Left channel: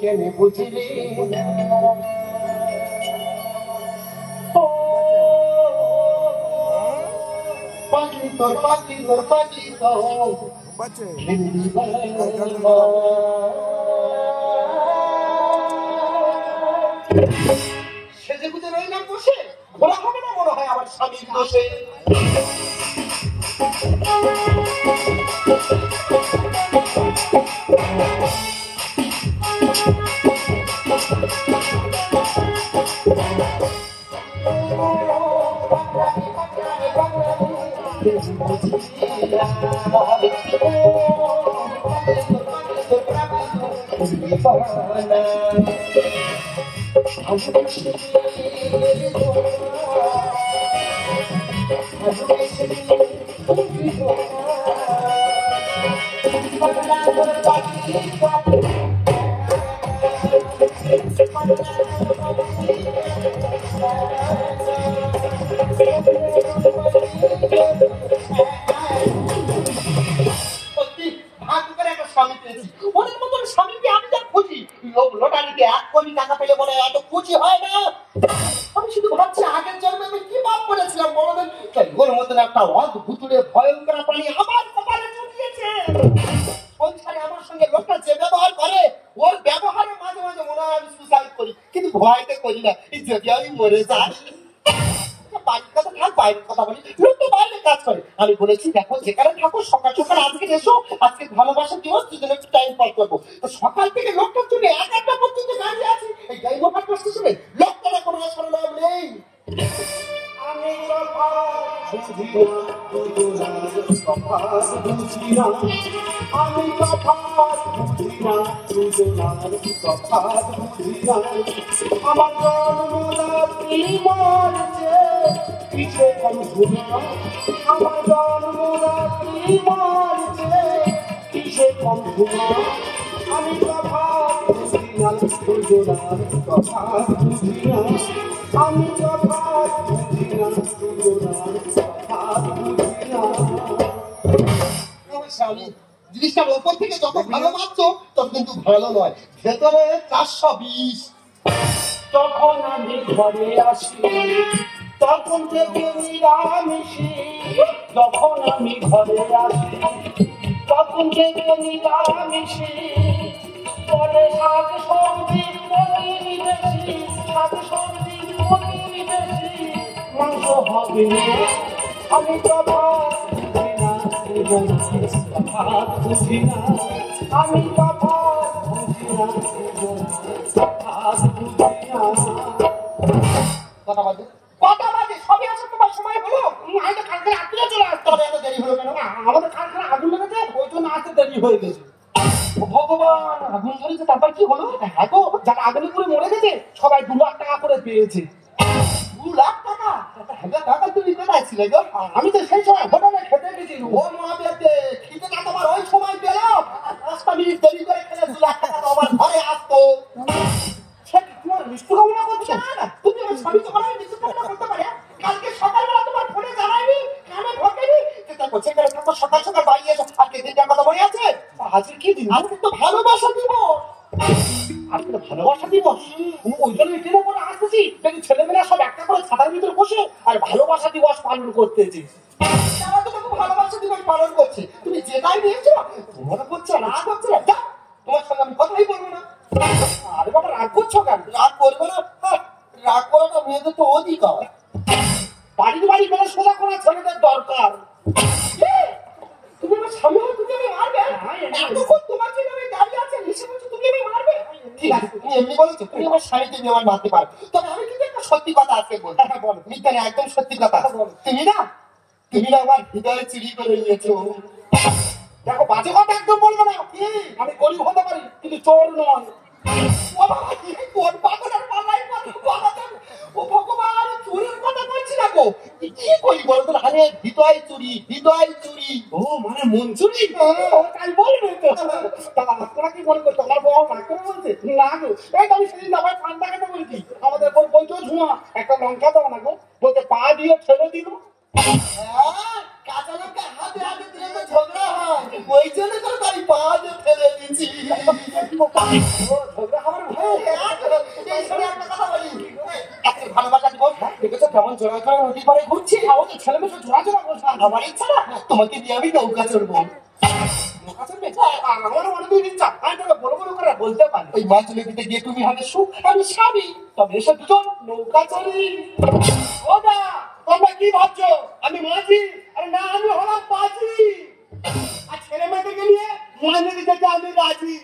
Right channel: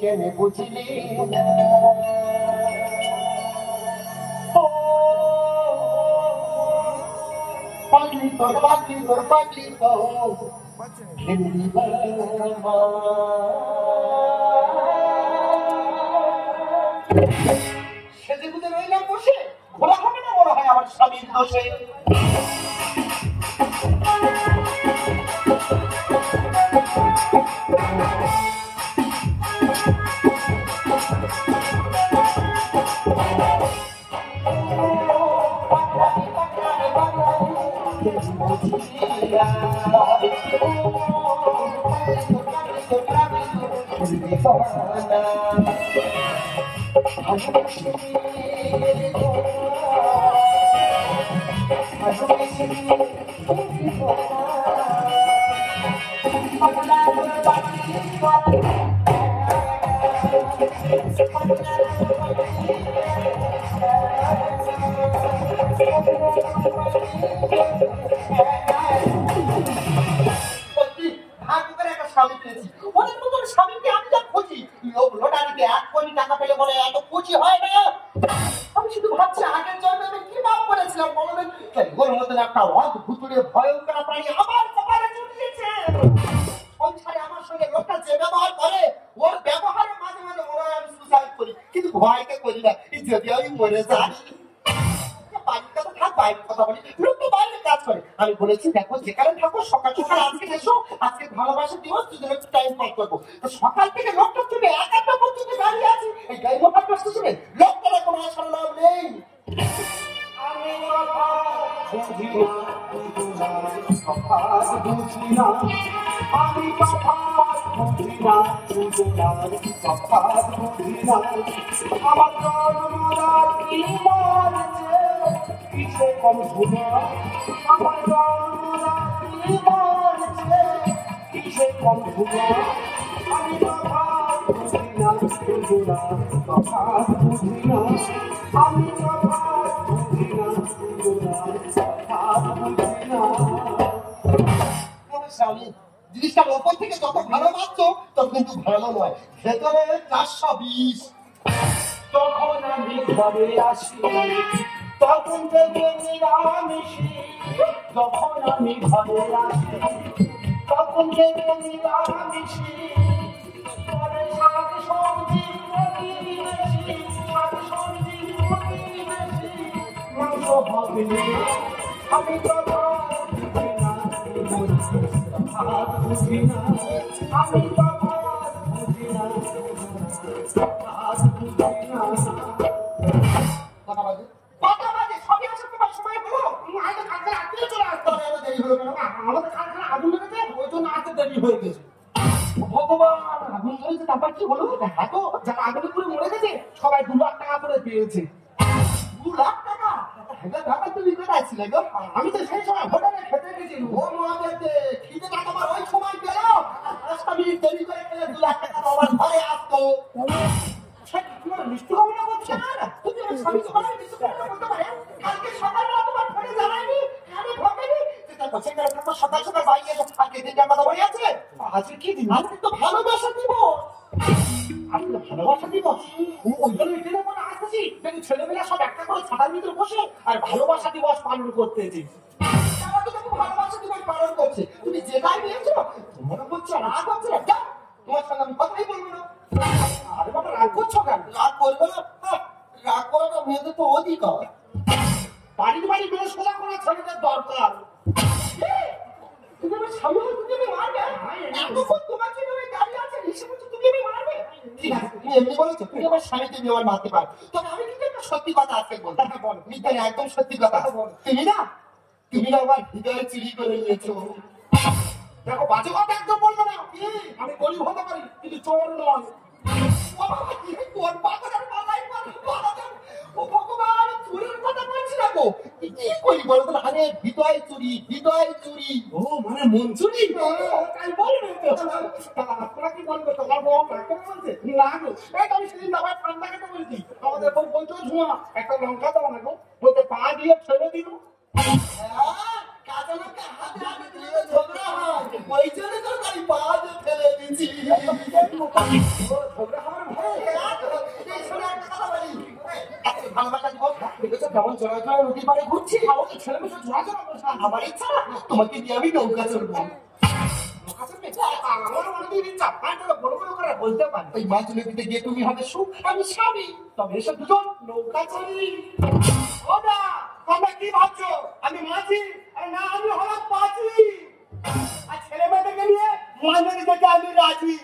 কেন বুঝিলি পাগলি তোর পাগলি তোর সেজে গুজে রইলাম বসে ঘোরা হবে না মনে হয় আমার স্বামীর দোষে আমি বলেছি দেখো যেখানে থাকো সকাল সকাল আজকে এসো আজকে ভালোবাসা দিবস দুজনে একটু টাইম পাস করবো তো সকাল থেকে লোকটার জন্য একটা পর্যন্ত দাঁড়িয়ে আছি এই গাড়ি মোটর স্টেশনে লোকটা কোনো আসার নাম নেই কিসে কম ঘুমা আমার কিসে কম ঘুমা আমি কথা বুঝি না দুজনার কথা বুঝি না আমি কথা বুঝি না দুজনার কথা বুঝি না স্বামী জিনিসটার ওপর থেকে যত ভালো মারছো তত কিন্তু ভালো নয় ভেতরে 420 তখন আমি ঘরে আসি তখন থেকে নিরামিষি যখন আমি ঘরে আসি তখন থেকে নিরামিষি পরে শাক সবজি পনির বেশি শাক সবজি পনির বেশি মাংস হবে আমি কথা বুঝি না আমি কথা বুঝি না কথা বাজে সবই আছে তোমার সময় হলো আগে কালকে রাত্রে চলে আসতে হবে এত দেরি হলো কেন না আমাদের কালকে আগুন লেগেছে ওই জন্য আসতে দেরি হয়ে গেছে ভগবান আগুন ধরেছে তারপর কি হলো দেখা তো যারা আগুনে করে মরে গেছে সবাই 2 লাখ টাকা করে পেয়েছে 2 লাখ টাকা টাকা তুমি কোথায় ছিলে গো আমি তো সেই সময় হোটেলে খেতে গেছি ও মাকে খেতে না তোমার ওই সময় পেল 5 মিনিট দেরি করে খেলে 2 লাখ টাকা আমার ঘরে আসতো মিষ্টি কামনা করছে না তুমি আমার স্বামী তো বলে মিষ্টি কামনা করতে পারে কালকে সকালবেলা তোমার ফোনে জানাইনি আমি ঢোকেনি এটা বলছে কেন তোমার সকাল সকাল বাড়ি এসো আজকে দিনটা কথা মনে আছে আজকে কি দিন আজকে তো ভালোবাসা দিবস আজকে ভালোবাসা দিবস ওই জন্য এটা বলে আসতেছি যদি ছেলেমেয়েরা সব একটা করে ছাতার ভিতরে বসে আর ভালোবাসা দিবস পালন করতেছি আমার তো ভালোবাসা দিবস পালন করছে তুমি যেটাই নিয়েছো তোমার করছে না করছে না তোমার সঙ্গে আমি কথাই বলবো না আরে বাবা রাগ করছো কেন রাগ করবে না রাগ করাটা মেয়েদের তো অধিকার বাড়ি করে সোজা করে ছেলেদের দরকার তুমি আমার সামনে তুমি মারবে এতক্ষণ তোমার জন্য আমি দাঁড়িয়ে আছি হিসেবে তুমি মারবে ঠিক আছে তুমি এমনি বলেছো তুমি আমার স্বামীকে নিয়ে আমার মারতে পারো তবে আমি কিন্তু একটা সত্যি কথা আজকে বলবো বলো মিথ্যা একদম সত্যি কথা তুমি না আমার হৃদয়ে চুরি করে নিয়েছো দেখো বাজে কথা একদম বলবো না আমি গরিব হতে পারি কিন্তু চোর নয় হৃদয় চুরি ও মানে মন চুরি তাই বলবে কি বলবে তোমার বউ মাকে বলছে না গো আমি সেদিন আবার ঠান্ডা কেটে বলছি আমাদের বউ বলছো ঝুমা একটা লঙ্কা দাও না গো বলতে পা দিয়ে ছেড়ে দিল কাজলকে হাতে হাতে দিয়ে ঝগড়া হয় ওই জন্য করে বাড়ি পা দিয়ে ফেলে দিচ্ছে ভালোবাসা দিবস দেখেছো কেমন জোড়া জোড়া নদী পাড়ে ঘুরছি ছেলে মেয়ে জোড়া জোড়া বলছে আমার ইচ্ছা না তোমাকে দিয়ে আমি নৌকা চড়বো বলতে পারি ওই মাছ নদীতে গিয়ে তুমি হবে সুখ আমি স্বামী তবে এসব দুজন নৌকা চড়ি ওটা তোমরা কি ভাবছো আমি মাঝি আরে না আমি হলাম পাজি আর ছেলে মেয়েদেরকে নিয়ে মাছ নদী যেতে আমি রাজি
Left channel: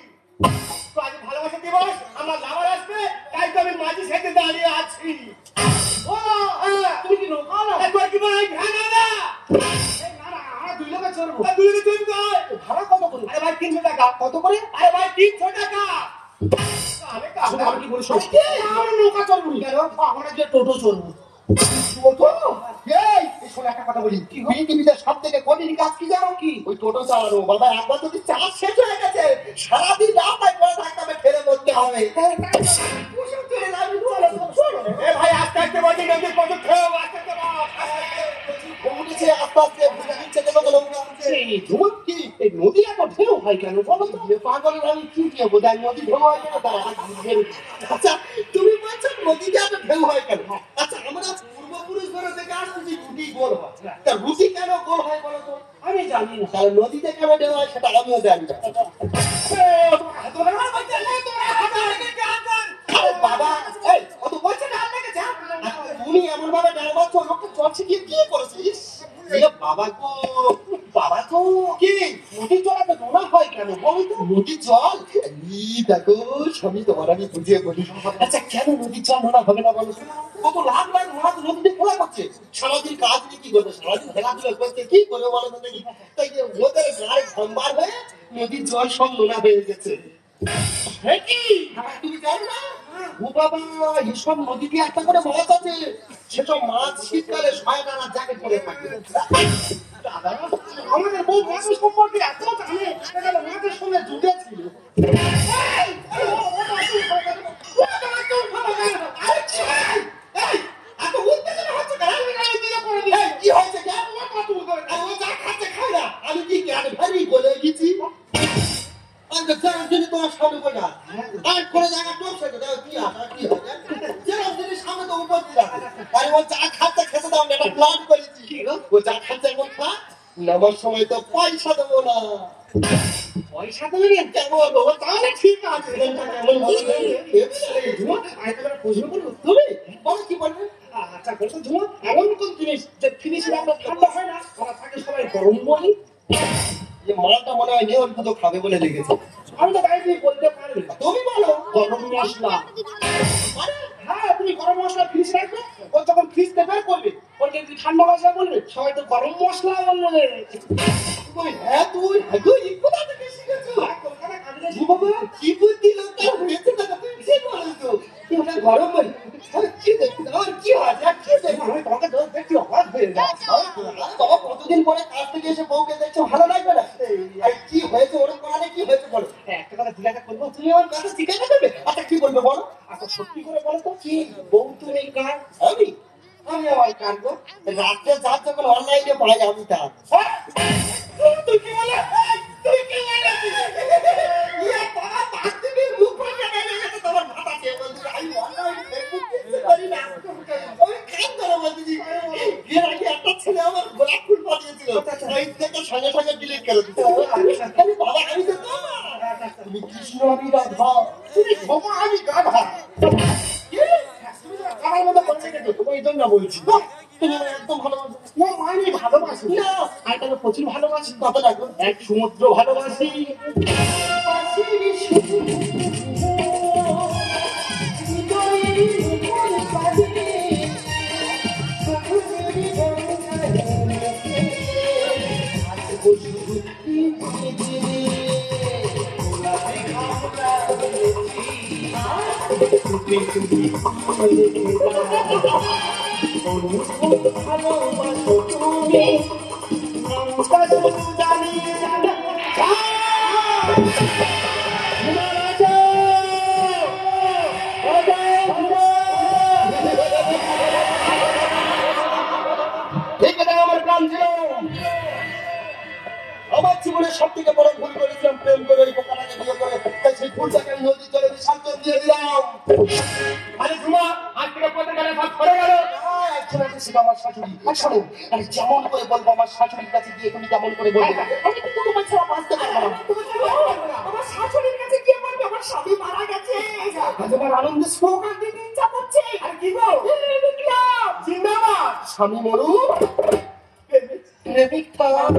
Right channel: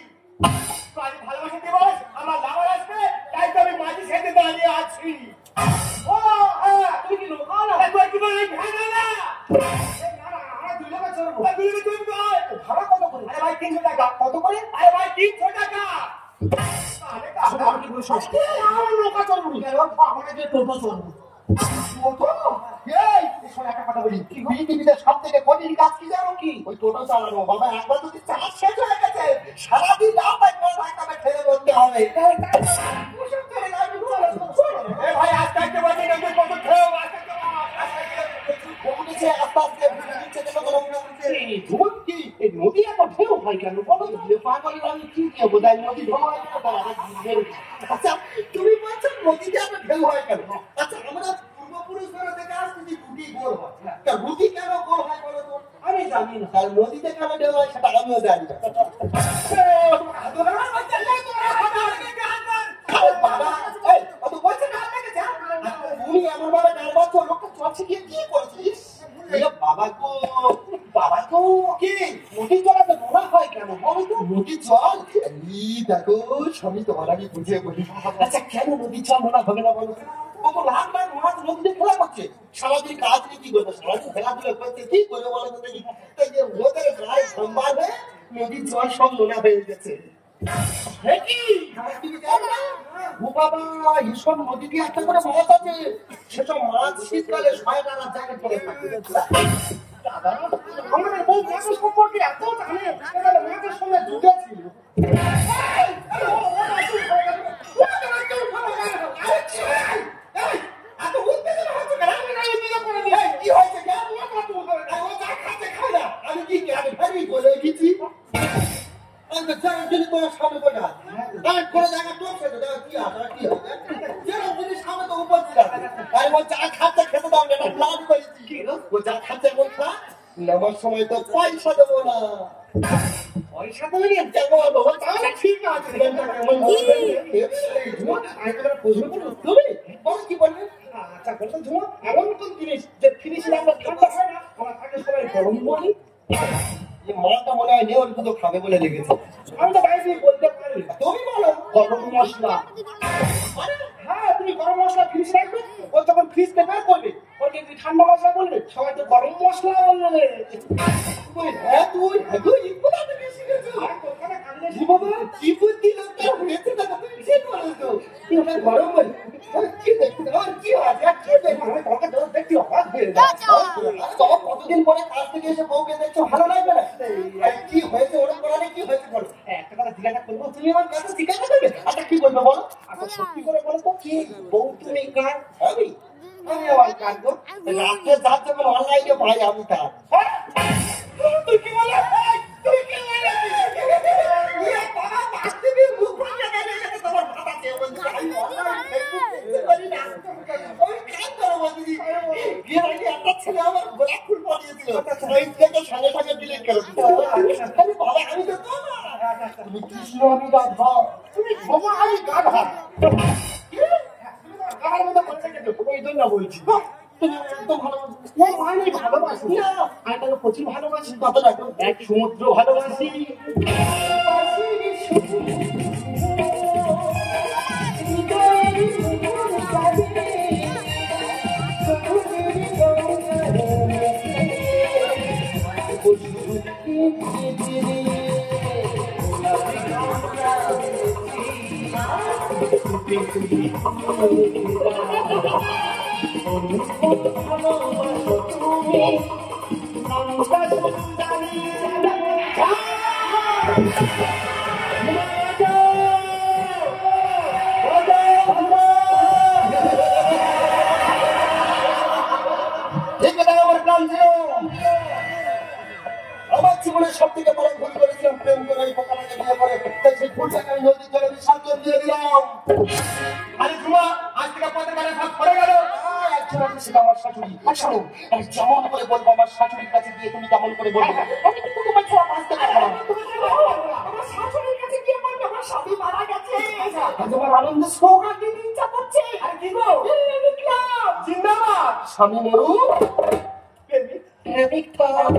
তো আজ ভালোবাসা দিবস আমার লাভার আসবে তাই তো আমি মাঝি সেজে দাঁড়িয়ে আছি ও তুমি কি নৌকা না তুই কি বলে ভাঙা না দুই লোকে চড়বো দুই লোকে চড়বো ভাড়া কত করে আরে ভাই 300 টাকা কত করে আরে ভাই 300 টাকা আরে কাজ কি বলিস আমার নৌকা চড়বো কেন আমরা যে টোটো চড়বো টোটো এই শোন একটা কথা বলি পৃথিবীতে সবথেকে কঠিন কাজ কি জানো কি ওই টোটো চালানো বাবা একবার যদি চার্জ শেষ হয়ে গেছে সারাদিন রাস্তায় পড়ে থাকতে হবে ফেলে বলতে হবে ভাই আস্তে আস্তে বলছি কিন্তু কত খেয়েও আস্তে আস্তে আস্তে দিচ্ছে কি এই নদী এত ঢেউ হয় কেন বলো পাগলের আমি কি খেয়ে বোঝাই নদী ঢেউ হয় কেন তারা আচ্ছা তুমি বলছো নদীতে এত ঢেউ হয় কেন আচ্ছা আমরা পূর্বপুরুষ ধরে দেখে আসছি রুটি গোল হয় তা রুটি কেন গোল হয় বলো তো আমি জানি না কারণ নদীতে কেন ঢেউ হয় সেটা আমিও জানি না বাবা এই অত বলছে না আপনাকে যা তুমি এমন ভাবে ডারবাচ্ছ লোকটা চলছে কি কি করেছিস বাবা তো কি নদী জলাতে নোনা হয় কেন বলো তো নদীর জল দেখো সবই তোমার আমি বুঝিয়ে বলি আচ্ছা কেন নদীর জল নোনা হবে না বলো কত লাখ লাখ নোনা তো নদীতে খোলা করছে সারাদিন কাজ নিয়ে কি করবে সারাদিন খেলাধুলা করছে কি করবে বলো তো দেখি তাই যে ওদের গায়ে সম্বার হয়ে নদীর জল সব নোনা হয়ে গেছে তুমি জানো না ও বাবা এইসব নদীতে একটা করে মাছ আছে সেসব মাছ শীতকালে শয়তানা জ্যাকেট পরে থাকে আমাদের বউ মাছ সম্পর্কে এত জানে সেটা মাছের সঙ্গে যুগে ছিল কি হয়েছে আমি কি ভারী বলে গেছি তোমার সামনে বলে করে জায়গা টপসে কি সামনে তো উপস্থিত আছে আরে ও চা খাচ্ছে খেতে দাও না প্ল্যান করেছি ও চা খাচ্ছে এখন খা নেবার সময় তো পয়সা দেবো না পয়সা দেবে না দেখো বাবা তাহলে ঠিক আছে প্রশ্ন করে উত্তরে বলো কি বলবে আচ্ছা বলছো ধুমা এমন কোন জিনিস যে ফিনিশিং আমরা ঠান্ডা হয় না আমরা থাকে সবাই গরম বলি মালটা মনে হয় নেওয়ার মতো খাবে বলে লেগেছে আমি তো বাইরে বলতে পারি তুমি বলো গরম মশলা হ্যাঁ তুমি গরম মশলা ফ্রিজ রাখবে ও যখন ফ্রিজ বের করবে ওকে তুই ঠান্ডা মশলা বলবে সবাই তো গরম মশলা বলবে হ্যাঁ তুই কোথা থেকে শিখেছো কলকাতা কাজে জীবনে কি বুদ্ধি লোকটা হয়েছে না তুমি সে বলো তো তুই ওটা গরম বল কি দেখতে আর কি হয় কি দেখতে আমি তোমাকে দোষ দেখতে অবাক হয়ে যাচ্ছি বাবা কতদিন পরে কাজ থেকে এসে বউকে দেখছো ভালো লাগবে না কি হয়েছে ওরকম করালে কি হয়েছে বলো একটা কথা জিজ্ঞাসা করবো তুমি আমার কাছে জিজ্ঞাসা করবে আচ্ছা কি বলবে বলো আচ্ছা সত্যি করে বলো তো কি বউ তুমি কার আমি আমার কাটবো রাত্রে যার যখন অনলাইনে পাই আমি তার তুই কি বলে তুই কি বলে বাবা মারতে দিয়ে মুখ ভাঙা গেলে তোমার ভাড়া কে বলছে আমি অনলাইন ফেসবুক করি না ওই কাজ করো বলছি বিয়ের আগে একটা ছেলে আমার গোলাপ ফুল পাঠিয়েছিল ওই থেকে সঙ্গে সঙ্গে ডিলিট করে দিতে আমি বাবা আমি তো তোমার তুমি কৃষ্ণ আমি রাধা তুমি বাবা আমি গাধা আমার মতো করছে কিন্তু ওই জন্য বলছি তুমি একদম ভালোবাসি না আমি ভালোবাসি না আর তাকে প্রচুর ভালোবাসি কত লাগবে এক সমুদ্র ভালোবাসি আমার জীবনের সব থেকে বড় ভুল করেছিলাম প্রেম করে এই বোকাটাকে বিয়ে করে সেই ভুলটাকে আমি শোনো, আমি যেমন করে বলবো আমার শাশুড়ির কাছে গিয়ে তুমি তেমন করে বলবে। আমি কিন্তু তোমার ছাড়া বাঁচতে পারবো না। আমার শাশুড়ির কাছে গিয়ে বলবে আমার স্বামী মারা গেছে, তোমার আনন্দ স্লোগান দিতে ইচ্ছা করছে। আর কি গো, জিন্দাবাদ, স্বামী মরুক, প্রেমিক পালাক।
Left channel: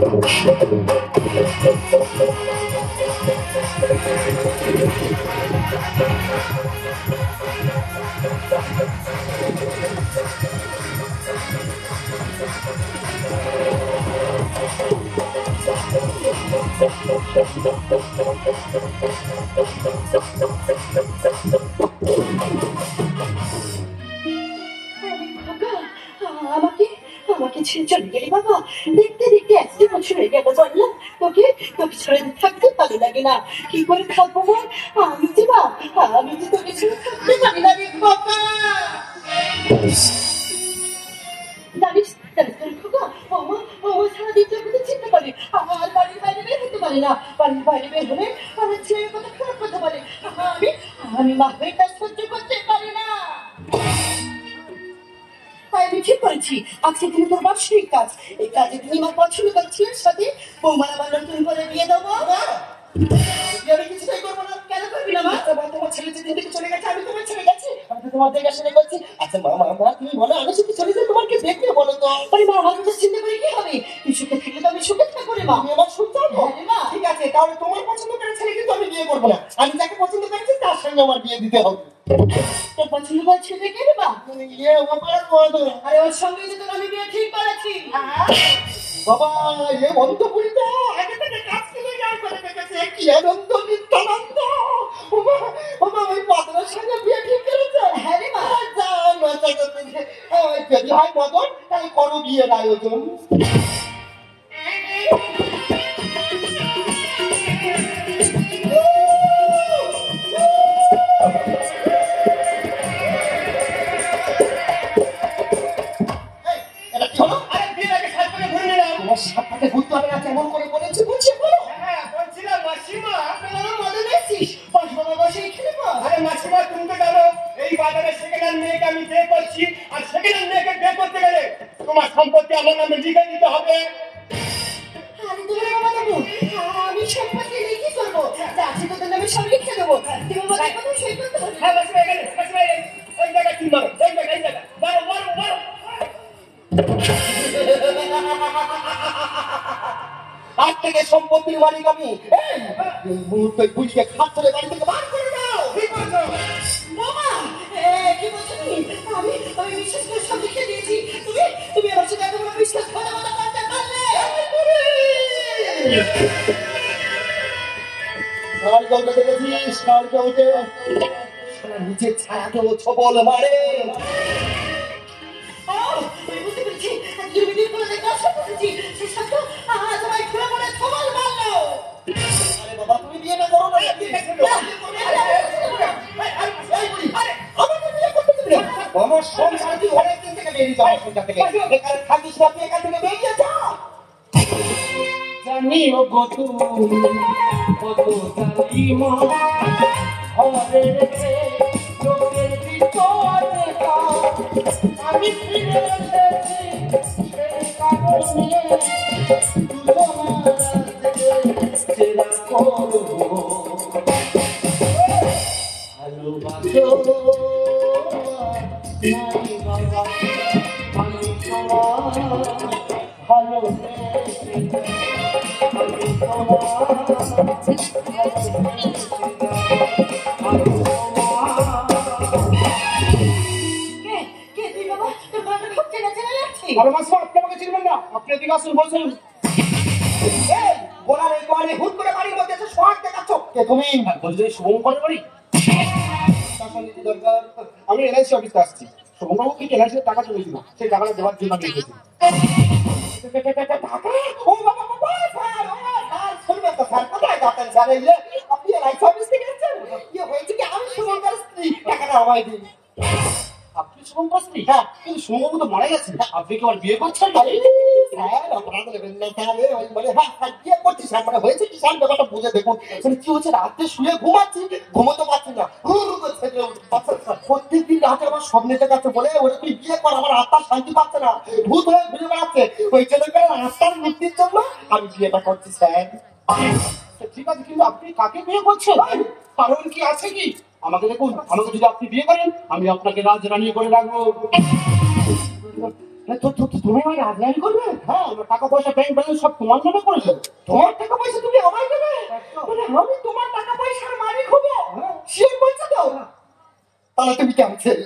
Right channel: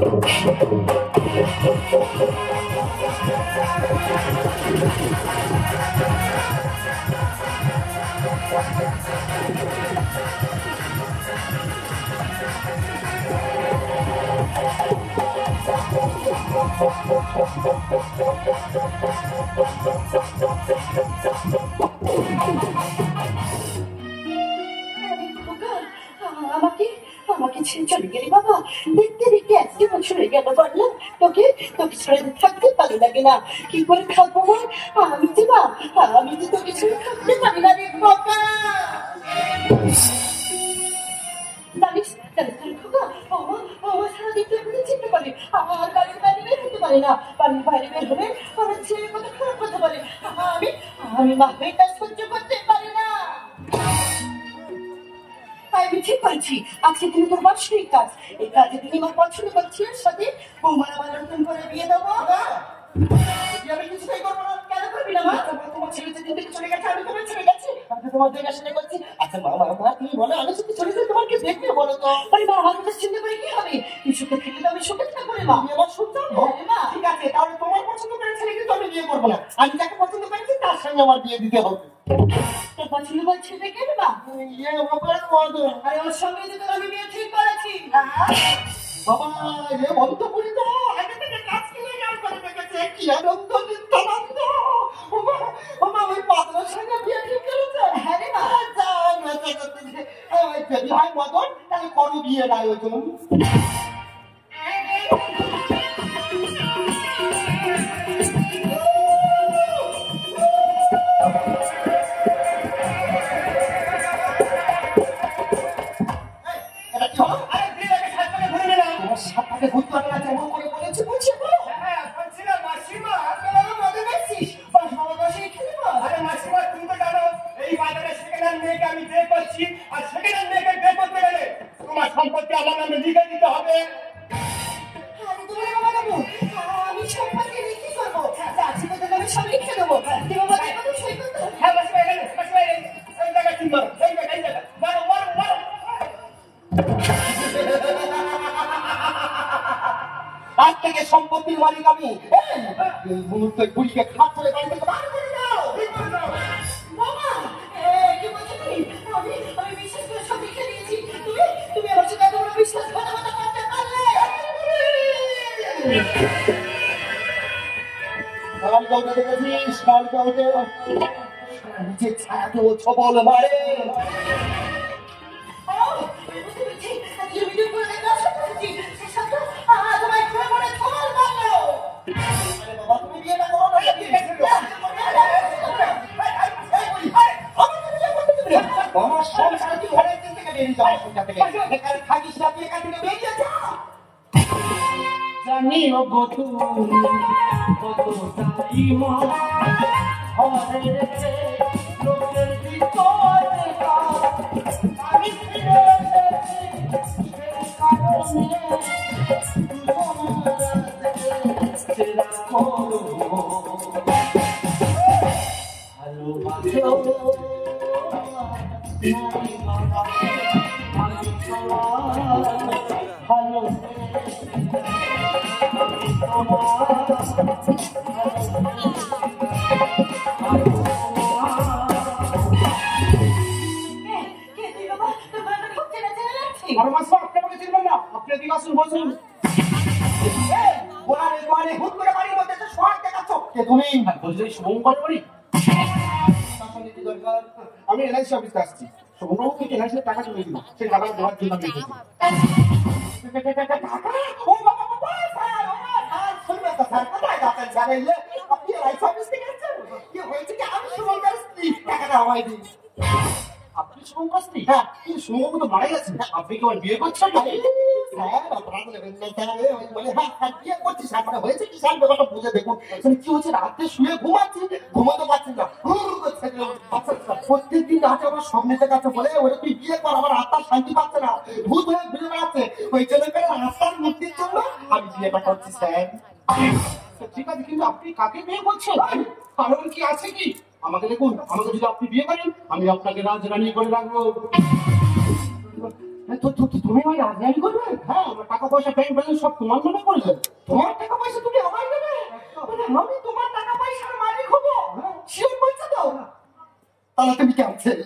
আমাকে ছেড়ে চলে গেলি বাবা, দেখতে দেখতে 1 বছর হয়ে গেল বললাম তোকে, তোকে ছেড়ে থাকতে ভালো লাগে না, কি করে থাকবো বল? আমি যে বা, আমি যে তোকে ছেড়ে থাকতে পারি না রে বাবা। জানিস জানিস তোর খোকা, আমার সারাদিন তোকে চিনতে পারি, আমার বাড়ির বাইরে বের হতে পারি না, বাড়ির বাইরে বের হলে আমার ছেলে কথা খারাপ কথা বলে, আমি মা হয়ে কাজ সহ্য করতে পারি না। আমি ঠিক করেছি, আজকে তুমি তোর বাৎসরিক কাজ, এই কাজে তুমি আমার পছন্দ করছিস সাথে বৌমার আমার নতুন করে বিয়ে দেবো। আমি কিছুটাই করবো না। কেন করবি না মা? তোমার ছেলে যেদিন থেকে চলে গেছে আমি তোমার ছেড়ে গেছি, আমি তো তোমার দেখা শুনে করছি। আচ্ছা মা, তুমি বলো আমি শুধু চলে যাই তোমাকে দেখবে বলো তো? আরে মা, আমি তো চিন্তা করে কি হবে, তুই সুখে থাকলে তো আমি সুখে থাকবো রে মা। আমি আমার সুখ চাবো না। ঠিক আছে, তাহলে তোমার পছন্দ করে ছেলে কিন্তু আমি বিয়ে করবো না, আমি যাকে পছন্দ করেছি তার সঙ্গে আমার বিয়ে দিতে হবে। তোর পছন্দ করে ছেলে কে রে মা? ইয়ে আমার বলো। আরে ওর সঙ্গে যে তোর আমি বিয়ে ঠিক করেছি। বাবা এ বন্ধ করি তো, আগে থেকে কাজ করে যাই করে দেখেছে, কি আনন্দ নিত্যানন্দ। বাবা ওই পাত্রের সঙ্গে বিয়ে ঠিক করেছে। হ্যাঁ রে মা, যাও মজা করতে, যদি হয় মদন তাহলে করো বিয়ের আয়োজন। সাপটাকে ঘুরতে হবে না, কেমন করে বলেছি বলছি বলো। হ্যাঁ বলছিলাম মাসিমা, আপনারা মজা নিচ্ছিস পাঁচ বাবা বসে এখানে। আরে মাসিমা তুমি তো জানো এই বাজারে সেকেন্ড হ্যান্ড মেয়েকে আমি বিয়ে করছি, আর সেকেন্ড হ্যান্ড মেয়েকে বিয়ে করতে গেলে তোমার সম্পত্তি আমার নামে লিখে দিতে হবে। আমি সম্পত্তি লিখে করবো, চাষি তোদের নামে সব লিখে দেবো। হ্যাঁ মাসিমা এখানে, মাসিমা এই জায়গায় কি মারো, এই জায়গায়, এই জায়গায় মারো মারো মারো। আজ থেকে সম্পত্তির মালিক আমি। এই মুহূর্তে বুঝকে খাট তুলে বাড়ি থেকে বার করে দাও। মামা কি বলছো তুমি? আমি বিশ্বাস করে সব লিখে দিয়েছি, তুমি আমার সাথে এত বিশ্বাস করতে পারলে? কালকে উঠে দেখেছিস, কালকে উঠে নিচে ছায়াকে ও ছবল মারে। তুমি বিয়ে না করো না, আমার সংসার তুই অনেক দিন থেকে বেরিয়ে যাওয়ার সংসার থেকে, এখানে থাকিস না, তুই এখান থেকে বেরিয়ে যা। জানিও গো তুমি কত জালিমা, আমারে রেখে লোকের ভিতরে আমি ফিরে এসেছি সেই কারণে আমি এলআইসি অফিসে আসছি, শুভবাবু থেকে এলআইসির টাকা চলেছিল, সেই টাকাটা দেওয়ার জন্য আমি এসেছি। আপনি এলআইসি অফিস থেকে এসেছেন? কি হয়েছে কি, আমি শুভঙ্কর স্ত্রী, টাকাটা আমায় দিন। আপনি শুভঙ্কর স্ত্রী? হ্যাঁ, কিন্তু সম্ভবত তো মারা গেছে, আপনি কি আমার বিয়ে করছেন? স্যার আপনারা নেবেন না স্যার, ওই বলে হ্যাঁ হ্যাঁ বিয়ে করছি স্যার, মানে হয়েছে কি স্যার ব্যাপারটা বুঝে দেখুন। মানে কি হচ্ছে, রাতে শুয়ে ঘুমাচ্ছি, ঘুমোতে পারছি না, প্রত্যেকদিন রাতে আমার স্বপ্নেতে কাছে বলে ওটা তুই বিয়ে কর, আমার আত্মা শান্তি পাচ্ছে না, ভূত হয়ে ঘুরে বেড়াচ্ছে, ওই জন্য করে আত্মার মুক্তির জন্য আমি বিয়েটা করছি স্যার। ঠিক আছে, কিন্তু আপনি কাকে বিয়ে করছেন? কারণ কি আছে কি? আমাকে দেখুন, আমাকে যদি আপনি বিয়ে করেন আমি আপনাকে রাজরানী করে রাখবো। তুমি আমার রাজধানী করবে? হ্যাঁ, আমার টাকা পয়সা ব্যাংক ব্যালেন্স সব তোমার নামে করে দেবো। তোমার টাকা পয়সা তুমি আমায় দেবে? মানে আমি তোমার টাকা পয়সার মালিক হবো? শিওর বলছো তো? তাহলে তুমি ক্যান্সেল।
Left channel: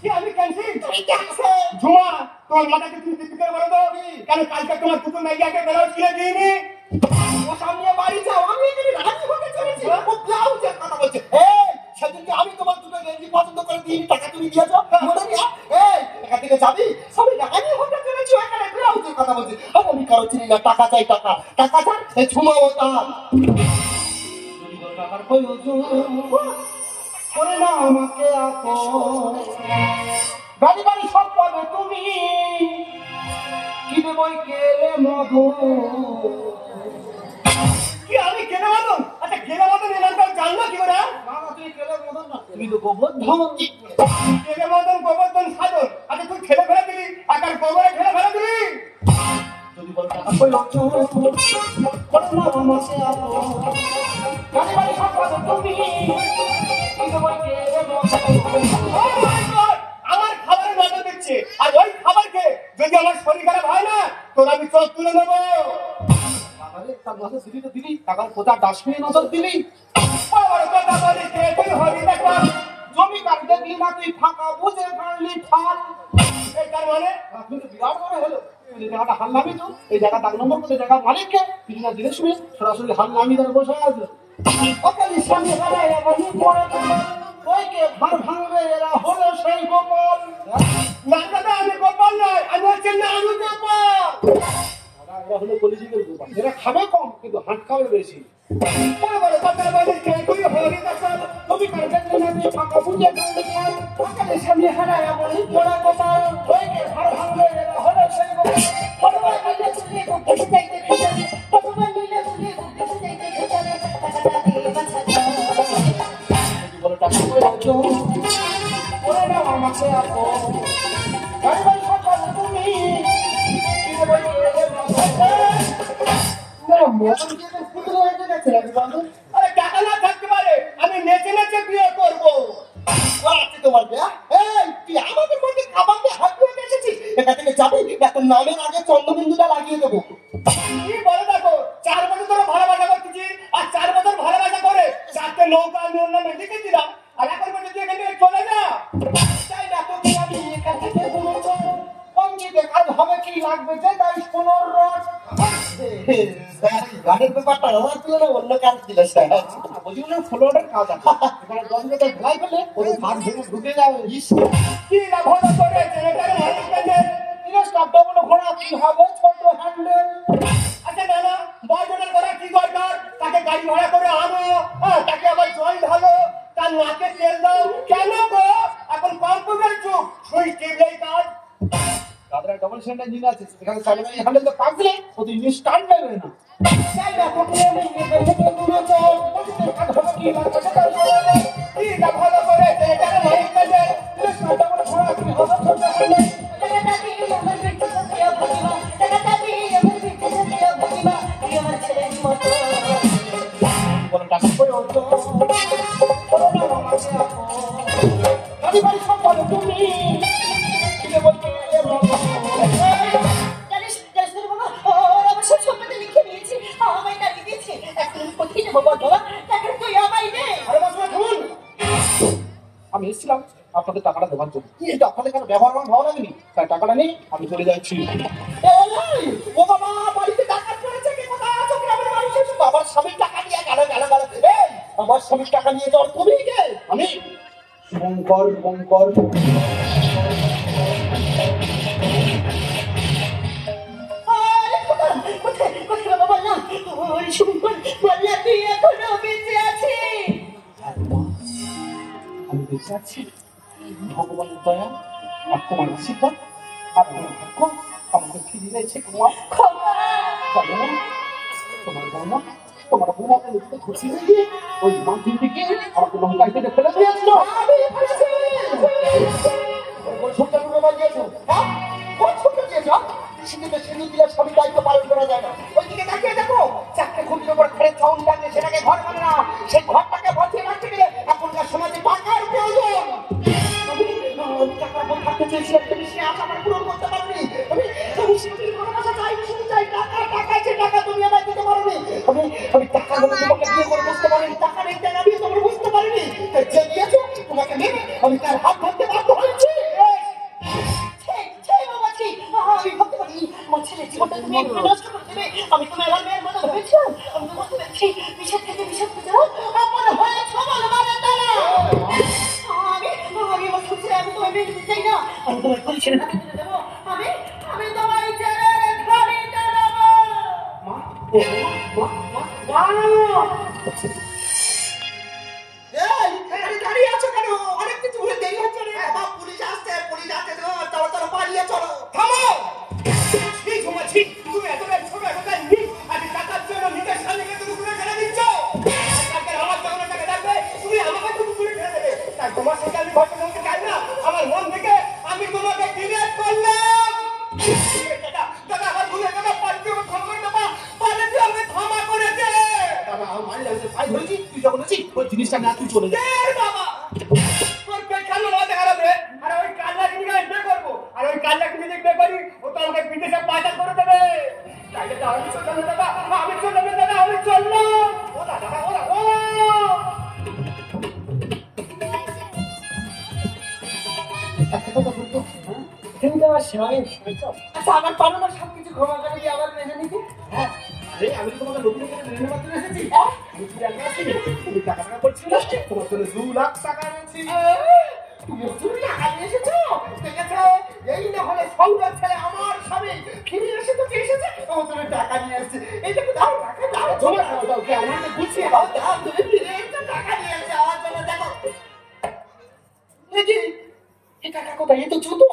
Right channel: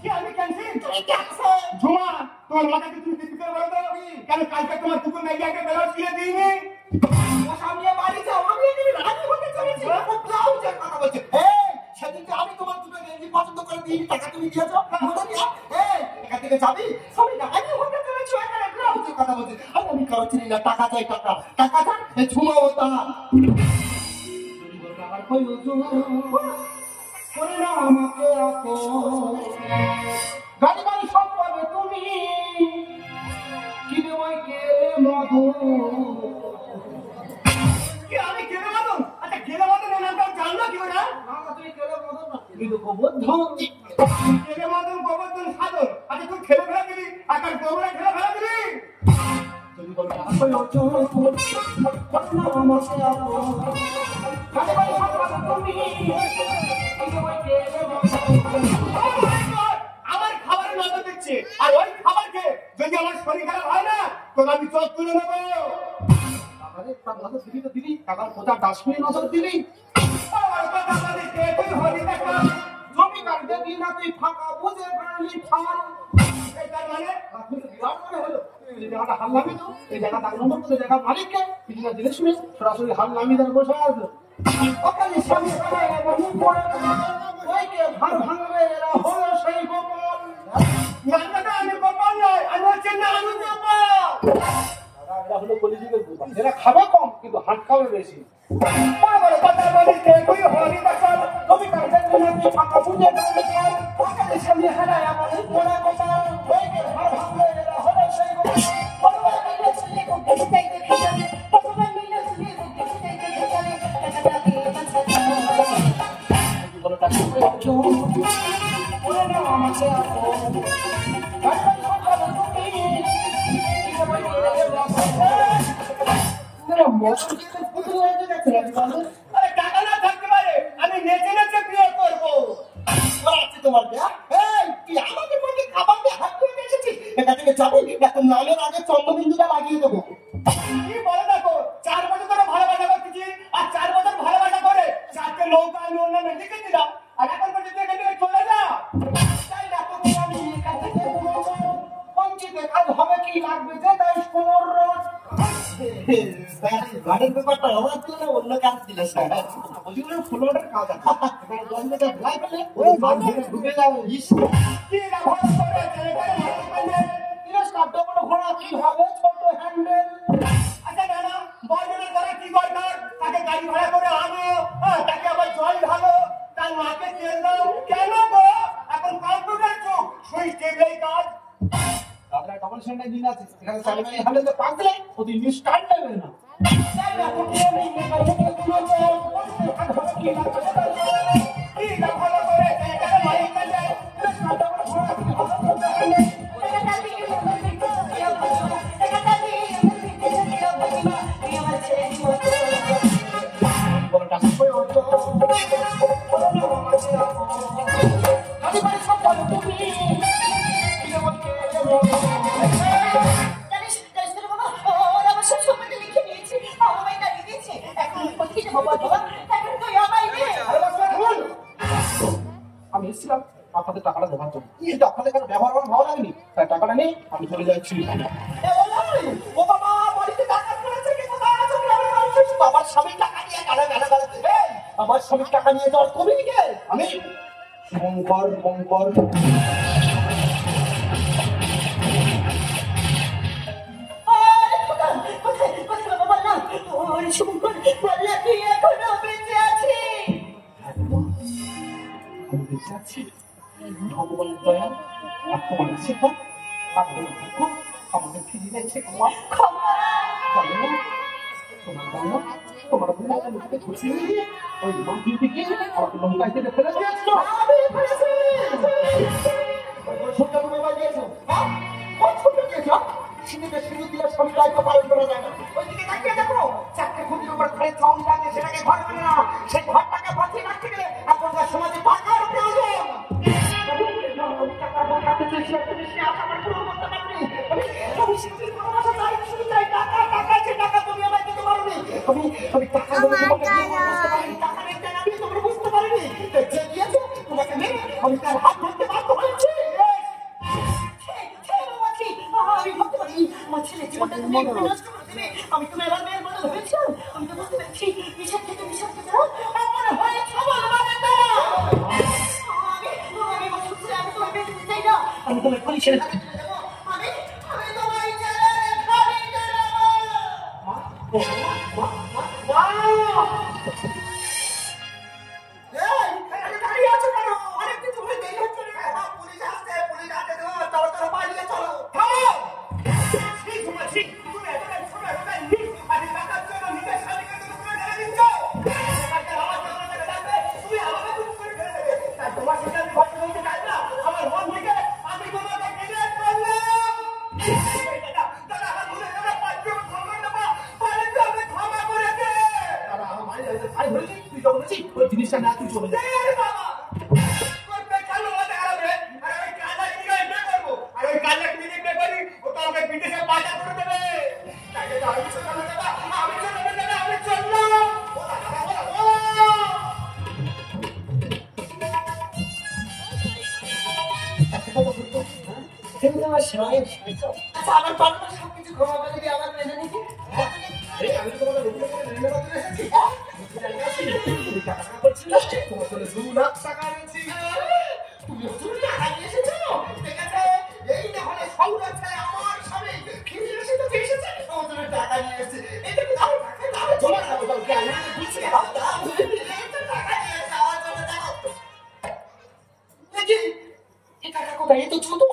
কি আমি ক্যান্সেল? তুমি ক্যান্সেল। ঝুমা, তোমার মাথাকে তুমি দিতে বলে দাও, কেন কালকে তোমার দুটো মেয়েকে ব্লাউজ কিনে দিইনি? সামনে বাড়ি যাও, আমি এখানে রাজি হতে চলেছি, ও ব্লাউজের কথা বলছে। এই সেদিনকে আমি তোমার দুটো গেঞ্জি পছন্দ করে দিই, টাকা তুমি দিয়েছো মনে নেই? এই এখান থেকে যাবি, আমি রাজি হতে চলেছি, এখানে ব্লাউজের কথা বলছি। আমি কারো চিনি না, টাকা চাই টাকা, টাকা চাই, এই ঝুমা ওটা টাকার প্রয়োজন করে না আমাকে আপন, গাড়ি বাড়ি সব পাবে তুমি, কিনে বই কেলে মধু। কি আমি কেলে মদন? আচ্ছা কেলে মদন এর নামটা জানলো কি করে? না না, তুই কেলে মদন না, তুমি তো গোবর্ধন। কেলে মদন গোবর্ধন সাধন। আচ্ছা তুই খেলে ফেলে দিলি, আর তার গোবরে খেলে ফেলে দিলি। যদি বলো টাকা প্রয়োজন করে না আমাকে আপন, গাড়ি বাড়ি সব পাবে তুমি, কিনে বই কেলে মধু। আমার খাবারে নজর দিচ্ছে, আর ওই খাবার খেয়ে যদি আমার শরীর খারাপ হয় না তোর আমি চোখ তুলে নেবো। তার নজর দিলি তো দিলি, টাকার কোথা ডাস্টবিনে নজর দিলি। জমি কাটতে দিলি না, তুই ফাঁকা বুঝে পারলি ফাল। মানে আপনি তো বিরাট মনে হলো, এই জায়গাটা হাল নামি তো, এই জায়গা দাগ নম্বর করে জায়গা মালিককে বিভিন্ন জিনিস শুনে সরাসরি হাল নামি ধরে বসে আসলো। ওখানে সামনে দাঁড়ায় আমার মুখ পড়ে ওইকে ভার ভাঙবে, এরা হলো সেই গোপাল। না দাদা, আমি গোপাল নয়, আমি হচ্ছে না আমি গোপাল। এরা হলো কলিযুগের গোপাল, এরা খাবে কম কিন্তু হাট খাবে বেশি। বড় বড় কথার মালিককে তুই হরি গোপাল, তুমি কাটবে না তুই ফাঁকা বুঝে কাটবে। ওখানে সামনে হারায় আমার মুখ পড়ে গোপাল, ওইকে ভার ভাঙবে, এরা হলো সেই গোপাল। টাকা না থাকতে পারে, আমি নেচে নেচে বিয়ে করবো। তোমার বিয়ে? এই তুই আমাদের মধ্যে খাবার দিয়ে হাত ধুয়ে এসেছিস, এখান থেকে যাবি না তোর নামের আগে চন্দ্রবিন্দুটা লাগিয়ে দেবো। কি বলে দেখো, 4 বছর ধরে ভালোবাসা করতেছি, আর 4 বছর ভালোবাসা করে 4টে নৌকা আমি ওর নামে লিখে দিলাম, আর এখন বলে তুই এখান থেকে চলে যা। তাই না তোকে আমি এখান থেকে বলবো, পঞ্জিতে কাজ হবে কি লাগবে যে তাই 15 রোজ। গাড়ির ব্যাপারটা আমার ছিল না, অন্য কাজ ছিল স্যার। বলছি না ফ্লোরের কাজ আছে, এখানে 10 মিনিটে ভেলাই ফেলে ওই কাজ ভেঙে ঢুকে যাবে। কি না ভালো করে ছেলেটাকে ভালো করে স্টাফ ডবল ঘোড়া কি হবে, ছোট হ্যান্ডেল। আচ্ছা দাদা, বয়জনের করে কি দরকার? তাকে গাড়ি ভাড়া করে আনো, তাকে আবার জল ঢালো, তার নাকে তেল দাও। কেন গো এখন কম্পিউটার যুগ, সুইচ টিপলেই কাজ। তাদের ডবল সেন্টার জিনিস আছে, এখানে সামনে হ্যান্ডেল তো পাকলে ওদের ইংলিশ টাইম লাগবে না। তাই না তোকে আমি এখান থেকে দূরে যাও, কাজ হবে কি না কি না ভালো করে ছেলেটাকে মাইক কাজে স্টাফ ডবল ঘোড়া কি হবে, ছোট হ্যান্ডেল। আমি এসেছিলাম আপনাদের টাকাটা দেওয়ার জন্য, কিন্তু আপনাদের কেন ব্যবহার আমার ভালো লাগেনি, তাই টাকাটা নেই আমি চলে যাচ্ছি। ও বাবা, বাড়িতে টাকা পড়েছে, কে কোথায় আছো? গ্রামের মানুষ এসে বাবার স্বামীর টাকা নিয়ে গেল গেল গেল। এই আমার স্বামীর টাকা নিয়ে যাওয়ার তুমি কে? আমি শঙ্কর শঙ্কর। আমি বেঁচে আছি, ভগবানের দয়া আর তোমার শিক্ষা আর তোমার ভাগ্য আমাদের ফিরে যাচ্ছে তোমার তোমার বাবা তোমার বোনাকে লোককে খুশি হয়ে দিয়ে ওই মাটির দিকে আমাকে লঙ্কায় থেকে ফেলে দিয়েছিল। সবই দায়িত্ব পালন করা যায় না। ওইদিকে তাকিয়ে দেখো চারটে খুঁটির উপর ঘরে চাউল লাগছে, সেটাকে ঘর মানে না, সেই ঘরটাকে বাঁচিয়ে রাখতে গেলে এখনকার সমাজে টাকার প্রয়োজন। টাকা টাকা চেয়েছিলাম তুমি সে আশা আমার পূরণ করতে পারোনি। আমি সেটি ভালোবাসা চাই, শুধু চাই টাকা টাকা, যে টাকা তুমি আমায় দিতে পারোনি। আমি টাকা তোমাকে বিয়ে করে বুঝতে পারিনি, টাকা নেই টাকা দিয়ে তোমাকে বুঝতে পারিনি। যে দিয়েছো তোমাকে মেরে আমি তার হাত ধরতে বাধ্য হয়েছি। আমি ভাবতে পারি আমার ছেলের জীবনটা তুমি নষ্ট করে দেবে। আমি তোমার মেয়ের মতো হয়েছিলাম, আমি তো বুঝতে পেরেছি বিষাদ থেকে বিষাদ পেতে আমার হয়ে সবাই আমি আমার সত্যি আমি তোমার মেয়ে দিতে চাই না। আমি তোমার পুলিশের হাতে তুলে দেবো। আমি তোমার দাঁড়িয়ে আছো কেন? অনেক কিছু দেরি হচ্ছে রে। পুলিশ আসছে তাড়াতাড়ি পালিয়ে চলো। থামো ঘুমাচ্ছি, তুমি এত ছোট আমি টাকার জন্য নিজের স্বামীকে তুমি ঘুরে ফেলে দিচ্ছ। আমার টাকা থাকবে তুমি আমাকে তুমি ঘুরে ফেলে দেবে। তাই তোমার সাথে আমি ভয় করতে চাই না। আমার মন থেকে আমি তোমাকে ডিলেট করলাম। দাদা আমার ভুলে দাদা পাল্টে ক্ষমা দেবো, পাল্টে আমি ক্ষমা করে দে। দাদা আমার মারি লাগছে, ভাই হয়েছি তুই যখন আছিস ওই জিনিসটা না তুই চলে যা বাবা। তোর পেছন মাথা খারাপ রে। আর ওই কাজটাকে নিয়ে বিয়ে করবো, আর ওই কাজটাকে নিয়ে বিয়ে করি ও তো আমাকে বিদেশে পাঠা করে দেবে। তাইলে তো আমি চললাম দাদা, আমি চললাম দাদা, আমি চললাম। ও দাদা ও আমার পালনের সবকিছু ক্ষমা করে দিয়ে আমার মেনে নিবি। হ্যাঁ আমি তোমাকে লোকের কাছে মেনে করতে এসেছি। তুমি টাকা করছি না, তোমার জন্য 2 লাখ টাকা এনেছি। তুমি 2 টাকা নিয়ে এসেছো? ঠিক আছে, এই না হলে সৌরভ ছেলে আমার স্বামী ফিরে এসে তো এসেছে, আমার জন্য টাকা নিয়ে এসেছে। এইটা কি দাও টাকা দাও, জমা দাও দাও, কে আমাকে বুঝিয়ে দাও দাও, এইটা টাকা নিয়ে এসে আমার জন্য দাও। এই টাকা কোথায়? এই তো জুতো।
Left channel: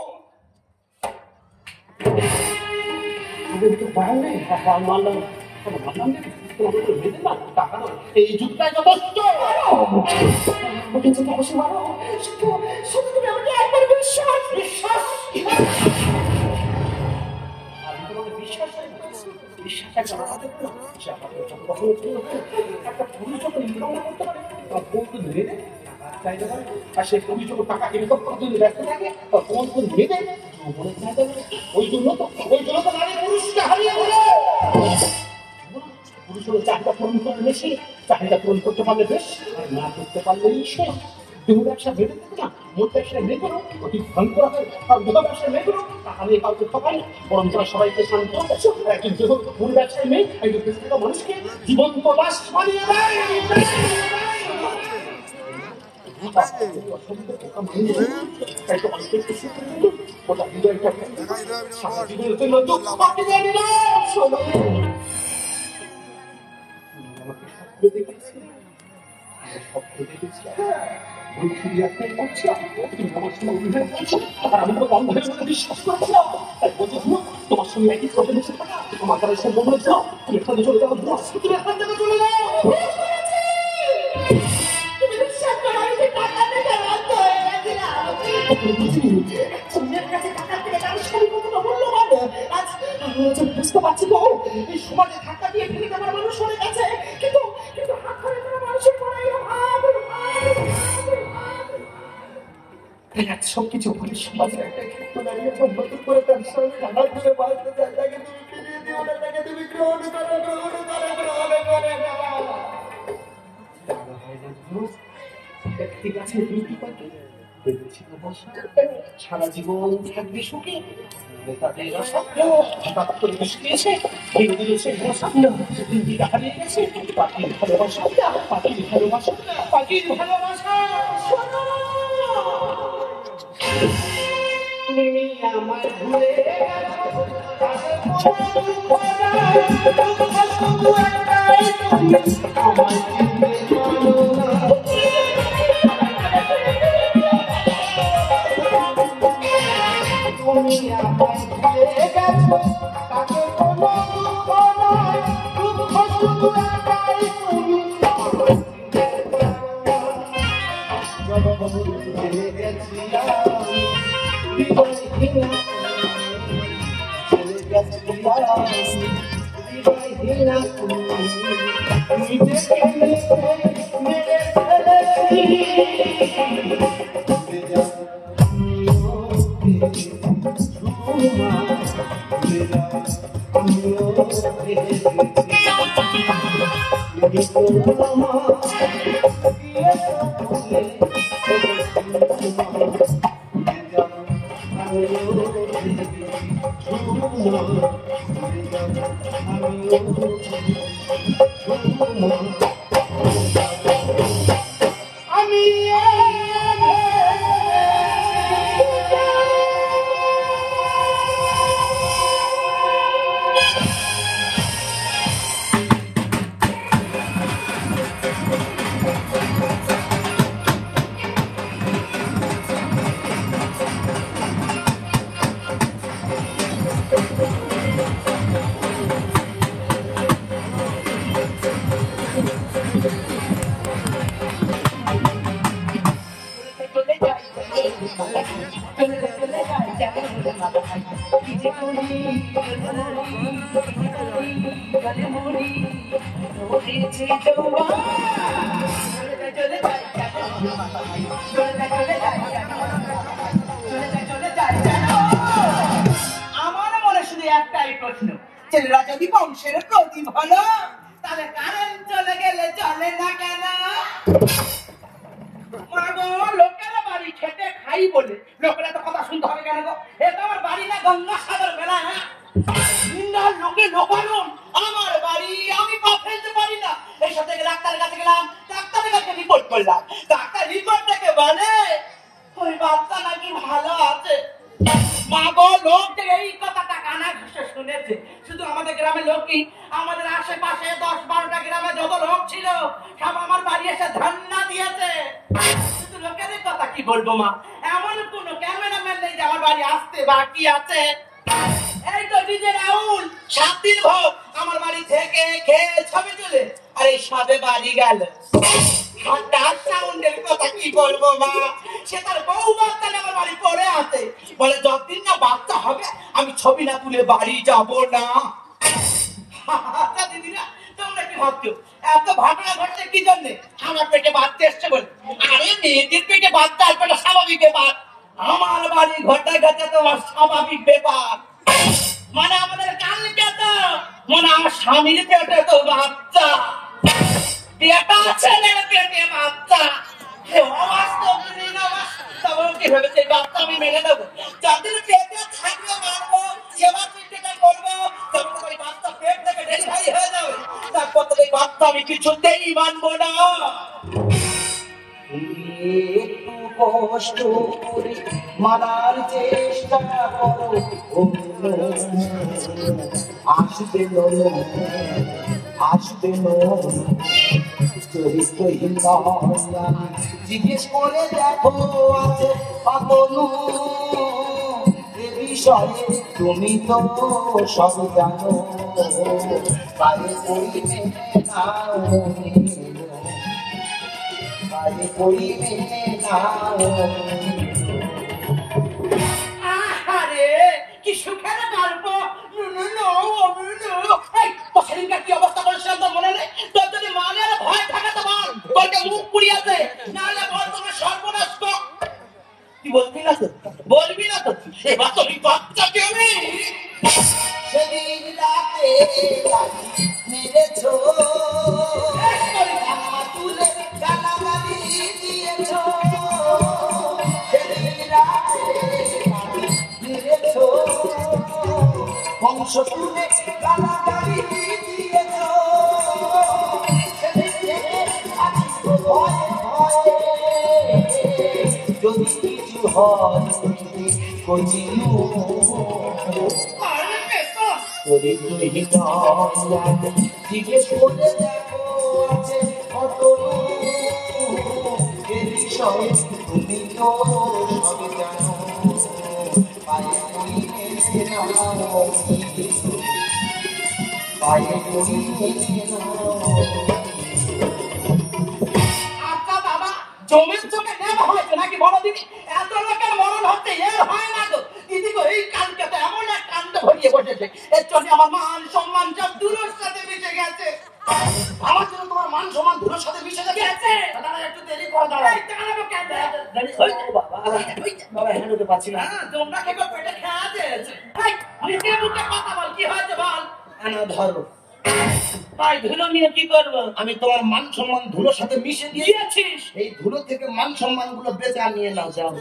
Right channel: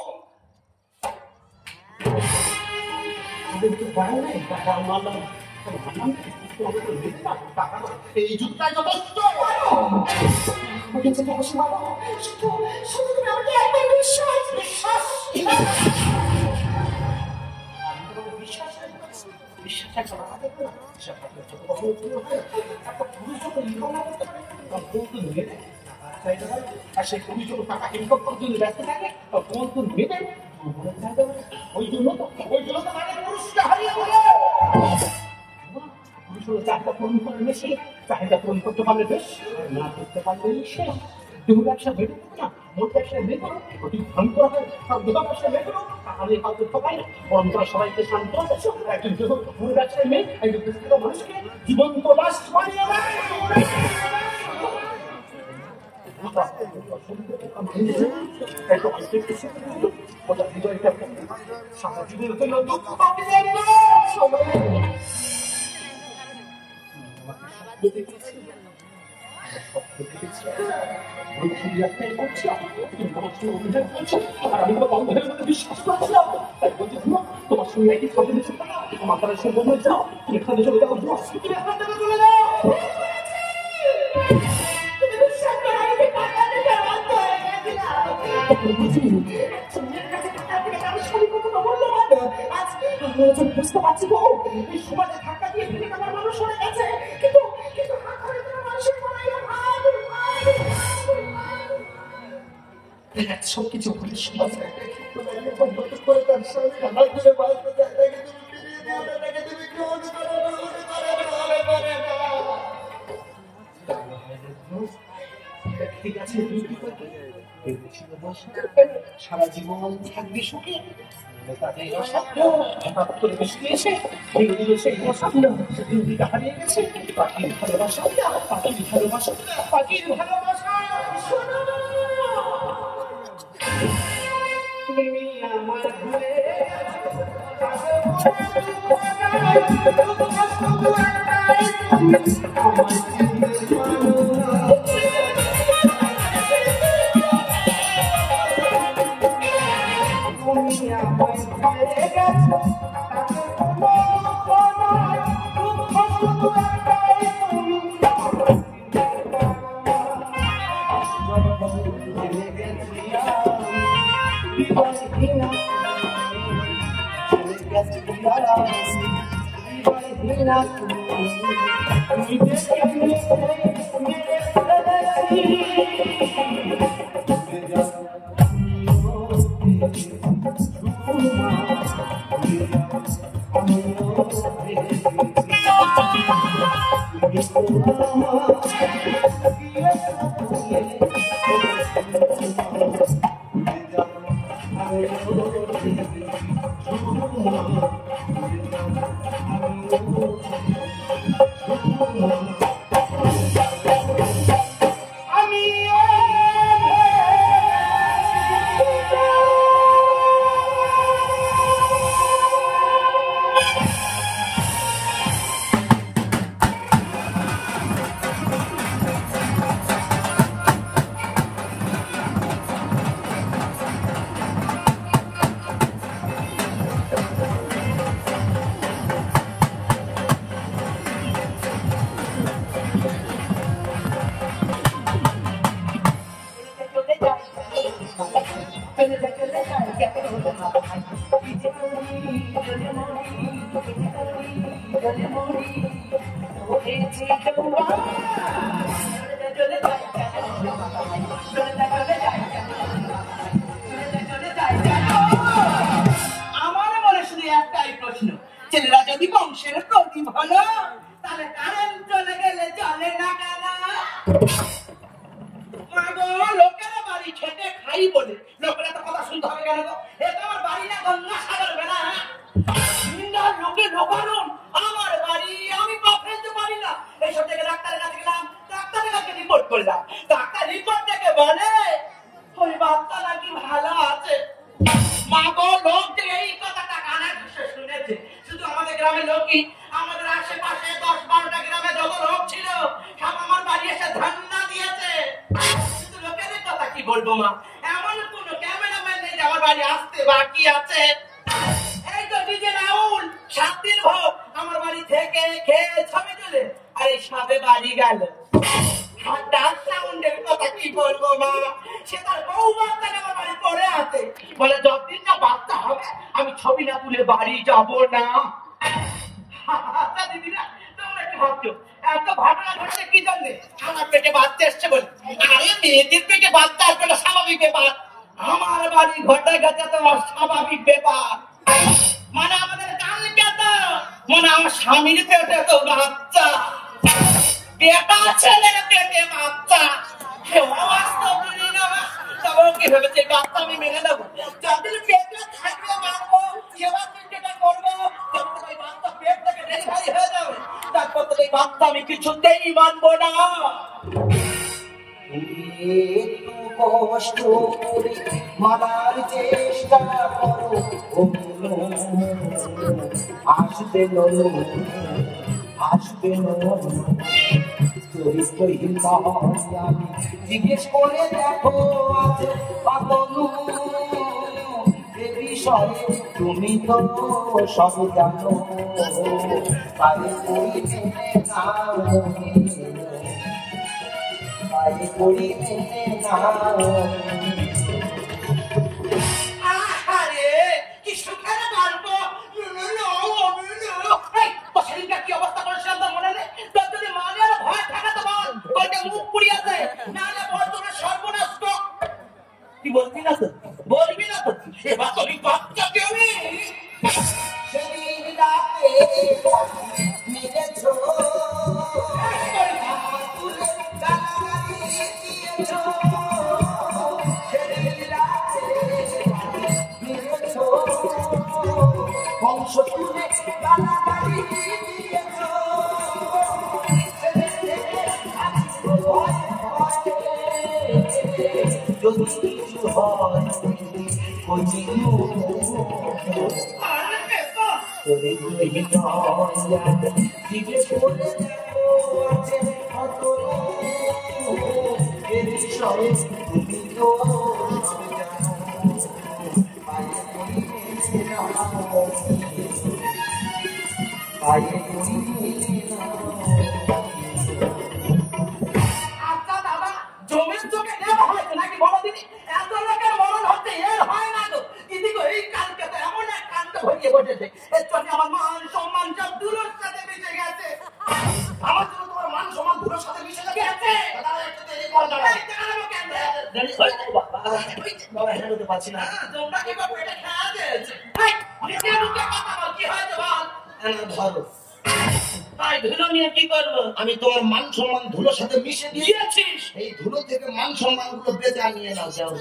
এই যুগটা যথেষ্ট। আর সে তুমি যখন টাকা ইনকাম করতে ব্যস্ত থাকে তখন কোন মেয়ে ওই জন্য তো নারী পুরুষকে হারিয়ে গেল। পুরুষ হলো চাহিদা পূরণ করলে বেশি, চাহিদা পূরণ করতে পারলে বেশ, না করতে পারলেই শেষ। দেহ ব্যবসা বেড়ে থাকে না, মোট ব্যবসায় মেয়ে করো অতি ভয়ঙ্কর হয়। আর দেহ ব্যবসায় মেয়ে করো তাহলে কাউ করতে পারে না। বরং তারা সবাইকে শান্ত একজন দেহ পুরো ব্যবসায় মেয়ে একজন ব্যক্তিগত মানুষকে জীবন্ত লাশ বানিয়ে দেয়। সারা জীবনের জন্য দুঃখ আমাকে স্বপ্ন দেখেছি, স্বপ্ন দেখেছি আমি তো বন্ধ হয়ে বিশ্বাস করছিলাম। তাই বলছি তোমার সঙ্গে একই চলে গেছে, তোমার দ্বারা সে বলে যাও, তুমি এখানে চলে যাও, তুমি এখান থেকে চলে যাও। বুঝতে পারছি তো এই সমাজে ধাক্কা দিয়ে ফেলে আমার মানুষ হয়ে গেছে, কিন্তু সবকিছু ভুলে সমাজের একটা ক্ষেত্র দাঁড়িয়ে নতুন করে তার সঙ্গে আমার ঘুরে বাড়িতে জায়গাকে তুমি ফিরিয়ে দিও না, তাকে তুমি গ্রহণ ঠিক আছে। তুমি কি করবে? সারা জীবন থাকবে সুখে, হঠাৎ করে বৃষ্টি এসে ভেঙে দিয়েছে স্বপ্ন, দিনটা হারিয়ে গেছে। পাখির ভালোবাসা, পাখির ভালোবাসা, পাখির ভালোবাসা। তুমি আমার ভুলে চলে গেছি বিদায় হিনা চলে গেছি বিদায় হিনা তুমি দেখলে মেরে ছেলেরা যদি বংশের প্রদীপ হলো তাহলে কারেন্ট চলে গেলে চলে না কেন? লোকেরা বাড়ি খেটে খাই বলে লোকেরা তো কথা শুনতে হবে কেন? এ তো আমার বাড়ি না গঙ্গাসাগর মেলা। লোকে লোকানুন আমার বাড়ি, আমি পা ফেলতে পারি না। এইসব থেকে ডাক্তারের কাছে গেলাম, ডাক্তারের কাছে রিপোর্ট করলাম। ডাক্তার রিপোর্ট থেকে বলে ওই বাচ্চা নাকি ভালো আছে। মা গো, লোক থেকে এই কথাটা কানে ঘুষে শুনেছে। শুধু আমাদের গ্রামের লোকই, আমাদের আশেপাশে 10-12টা গ্রামে যত লোক ছিল সব আমার বাড়ি এসে ধান্না দিয়েছে। শুধু লোকের কথা কি বলবো মা, এমন কোন ক্যামেরাম্যান নেই যে আমার বাড়ি আসতে বাকি আছে। এই তো ডিজে রাহুল 7 দিন ভোগ আমার বাড়ি থেকে খেয়ে ছবে চলে, আর এই সবে বাড়ি গেল। সাউন্ডের কথা কি বলবো মা, সে তার বউ বাচ্চা আমার বাড়ি পড়ে আছে। বলে যতদিন না বাচ্চা হবে আমি ছবি না তুলে বাড়ি যাব না। দিদিরা তোমরা কি ভাবছো এত ঘটনা ঘটছে কি জন্য? আমার পেটে বাচ্চা এসছে বলে। আরে মেয়েদের পেটে বাচ্চা আসবে স্বাভাবিক ব্যাপার, আমার বাড়ি ঘটে গেছে তোমার স্বাভাবিক ব্যাপার। মানে আমাদের কালকে তো মানে আমার স্বামীর পেটে তো বাচ্চা, বেটা ছেলের পেটে বাচ্চা। কি ভেবেছে বাচ্চা আমি মেনে নেবো? যাদের পেটে থাকলে মারবো, সেবা চিন্তা করবো, বাচ্চা পেট থেকে ডেলিভারি হয়ে যাবে, তারপর তো বাচ্চা আমি কিছুতেই মানবো না। একটু কষ্ট করে মানার চেষ্টা করো, আসবে আসবে চরিত্রহীন জিজ্ঞেস করে দেখো আছে পাতনু এ বিষয়ে তুমি তো সব জানো, তাই করি মেনে নাও, তাই করি মেনে নাও। আরে কি সুখের গল্প। কি অবস্থা করেছিলাম তো মনে নেই? তোর যদি মানে ভয় থাকে তো বল, তোকে মুখ পুড়িয়েছে, নাহলে বল তোমার সর্বনাশ। কি বলবি না তো? বলবি না তো? এবার তুমি বাচ্চা কেমনি সেদিন রাতে মেরেছো তুলে গালাগালি দিয়েছো, সেদিন রাতে মেরেছো বংশ তুলে গালাগালি দিয়েছো, যদি কিছু হয় কইও জিজ্ঞেস করে দেখো আছে কত এ বিষয়ে তুমি তো সবই জানো, পায়ে পড়িয়ে নাও, পায়ে পড়িয়ে নাও। জমির চোখে নেওয়া হয়েছে নাকি বলো দিদি? এত লোকের মরণ হচ্ছে, এর হয় না তো দিদি গো। এই কালকে তো এমন এক কাণ্ড ঘটিয়ে বসেছে, এর জন্য আমার মান সম্মান সব দূরের সাথে মিশে গেছে। আমার জন্য তোমার মান সম্মান দুটোর সাথে মিশে গেছে। দাদা একটু দেরি করে দাঁড়াও। এই দাঁড়াবো কেন? বাবা হেঁটে পাচ্ছি না। তোমরা কি করে পেটে খেয়া দিয়েছে? মুখে মুখে কথা বল, কি হয়েছে বল? ধরো, তাই ধুলো নিয়ে কি করবো? আমি তোমার মান সম্মান ধুলোর সাথে মিশে দিয়েছিস? এই ধুলো থেকে মান সম্মান গুলো বেঁচে নিয়ে নাও, যাও।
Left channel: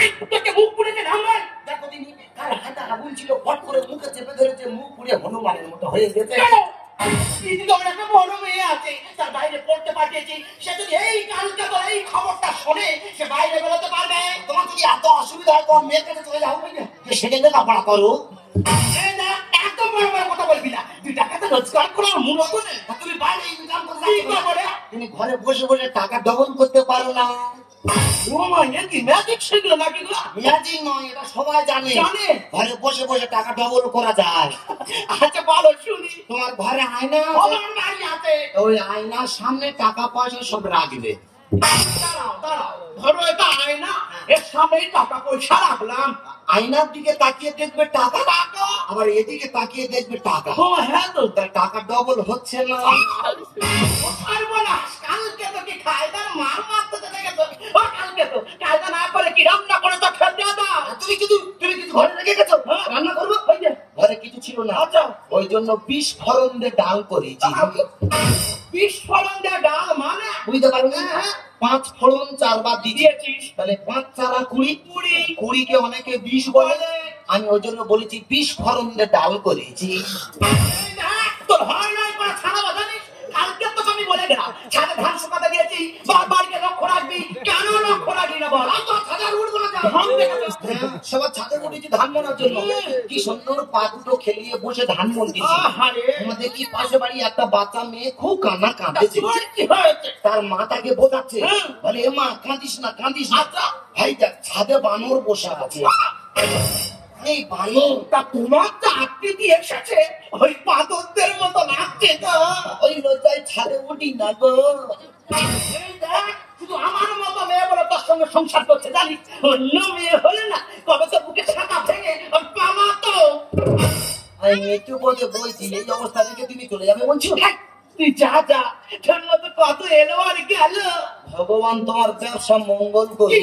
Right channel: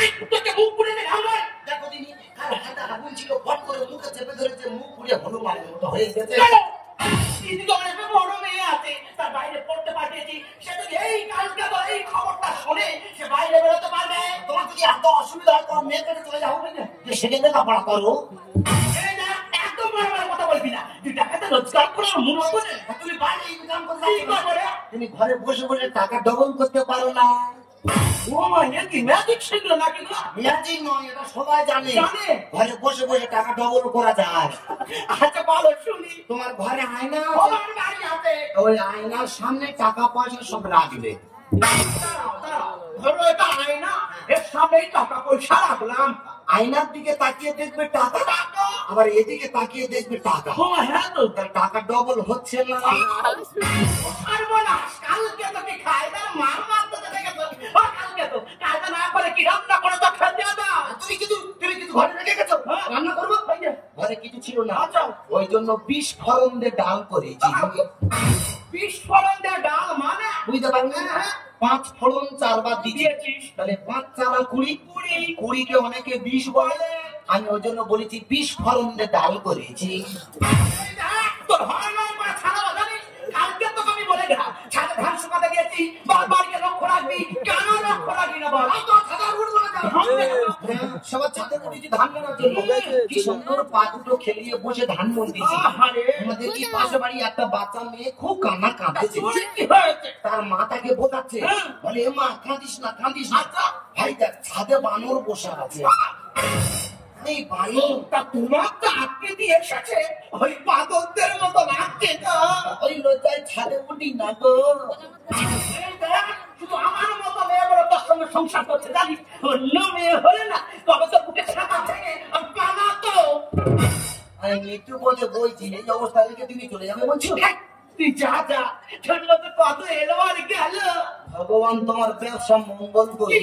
এই তোকে মুখ পুড়ে দে ভাঙবে। দেখো দিদি, তার হাতে আগুন ছিল, ফট করে মুখে চেপে ধরেছে, মুখ পুড়ে হনুমানের মতো হয়ে গেছে। দিদি তোমার একটা বড় মেয়ে আছে, তার বাইরে পড়তে পাঠিয়েছি। সে যদি এই কালকে তো এই খবরটা শোনে, সে বাইরে বেরোতে পারবে? তোমার যদি এত অসুবিধা হয় তোমার মেয়ের কাছে চলে যাও, সেখানে লেখাপড়া করো। এই না, এত বড় বড় কথা বলবি না। 2 টাকা তো রোজগার করে মূল করে তুমি বাইরে ইনকাম করতে কি করে? তুমি ঘরে বসে বসে টাকা ডবল করতে পারো না। ও মানে কি ম্যাজিক শিখলো নাকি গো? ম্যাজিক নয়, এটা সবাই জানে। জানে? ঘরে বসে বসে টাকা ডবল করা যায়। আচ্ছা বলো শুনি। তোমার ঘরে আয়না আছে, আমার বাড়ি আছে। ওই আয়নার সামনে টাকা পয়সা সব রাখবে। দাঁড়াও, দাঁড়াও। ধরো এটা আয়না, এর সামনেই টাকা পয়সা রাখলাম। আয়নার দিকে তাকিয়ে দেখবে টাকা, আবার এদিকে তাকিয়ে দেখবে টাকা। ও হ্যাঁ তো। তার টাকা ডবল হচ্ছে না। পারবো না, কালকে তোকে খায়দার মার মারতে চলে গেছো। ও কালকে তো কায়দা না করে কি রান্না করে তো খেতে দাও। তুমি কিছু ঘরে রেখে গেছো? রান্না করবো? ওই যে ঘরে কিছু ছিল না, আচ্ছা। ওই জন্য বিস্ফোরণ দিয়ে ডাল করেছি। বিস্ফোরণ দেওয়া ডাল মানে? বুঝতে পারবে না? 5 ফোড়ন 4 বার দিয়েছিস। তাহলে 5 4 20, 20 কে অনেকে 20 বলে। আমি ওই জন্য বলেছি বিস্ফোরণ দিয়ে ডাল করেছি। তোর হয় নাই করে ছাড়াবো জানিস? কালকে তো আমি বলে গেলাম ছাদে ধান শুকাতে দিয়েছি, বারবার গিয়ে লক্ষ্য রাখবি। কেন লক্ষ্য রাখবি না বল? সবার ছাদে উঠেছি ধান মারার জন্য, কি সুন্দর পা দুটো খেলিয়ে বসে ধান মন্দিছি। আমাদের কি পাশে বাড়ি একটা বাচ্চা মেয়ে খুব কান্না কাঁদতেছে। কি হয়েছে? তার মা তাকে বোঝাচ্ছে, বলে এ মা কাঁদিস না কাঁদিস না। ভাই দেখ ছাদে বানর বসে আছে। এই বানর তা তোমার তো আটকে দিয়ে এসেছে ওই পাথরদের মতো লাগছে তো। ওই লজ্জায় ছাদে উঠি না গো। এই দেখ, শুধু আমার মতো মেয়ে বলে তোর সঙ্গে সংসার করছে জানিস? অন্য মেয়ে হলে না কবে তো বুকে ছাতা ভেঙে পালাতো। আমি একটু বলে বলছি, এই অবস্থা থেকে তুমি চলে যাবে বলছো? তুই যা যা, তোর মতো কত এলো আর গেল। ভগবান তোমার ব্যবসা মঙ্গল করি।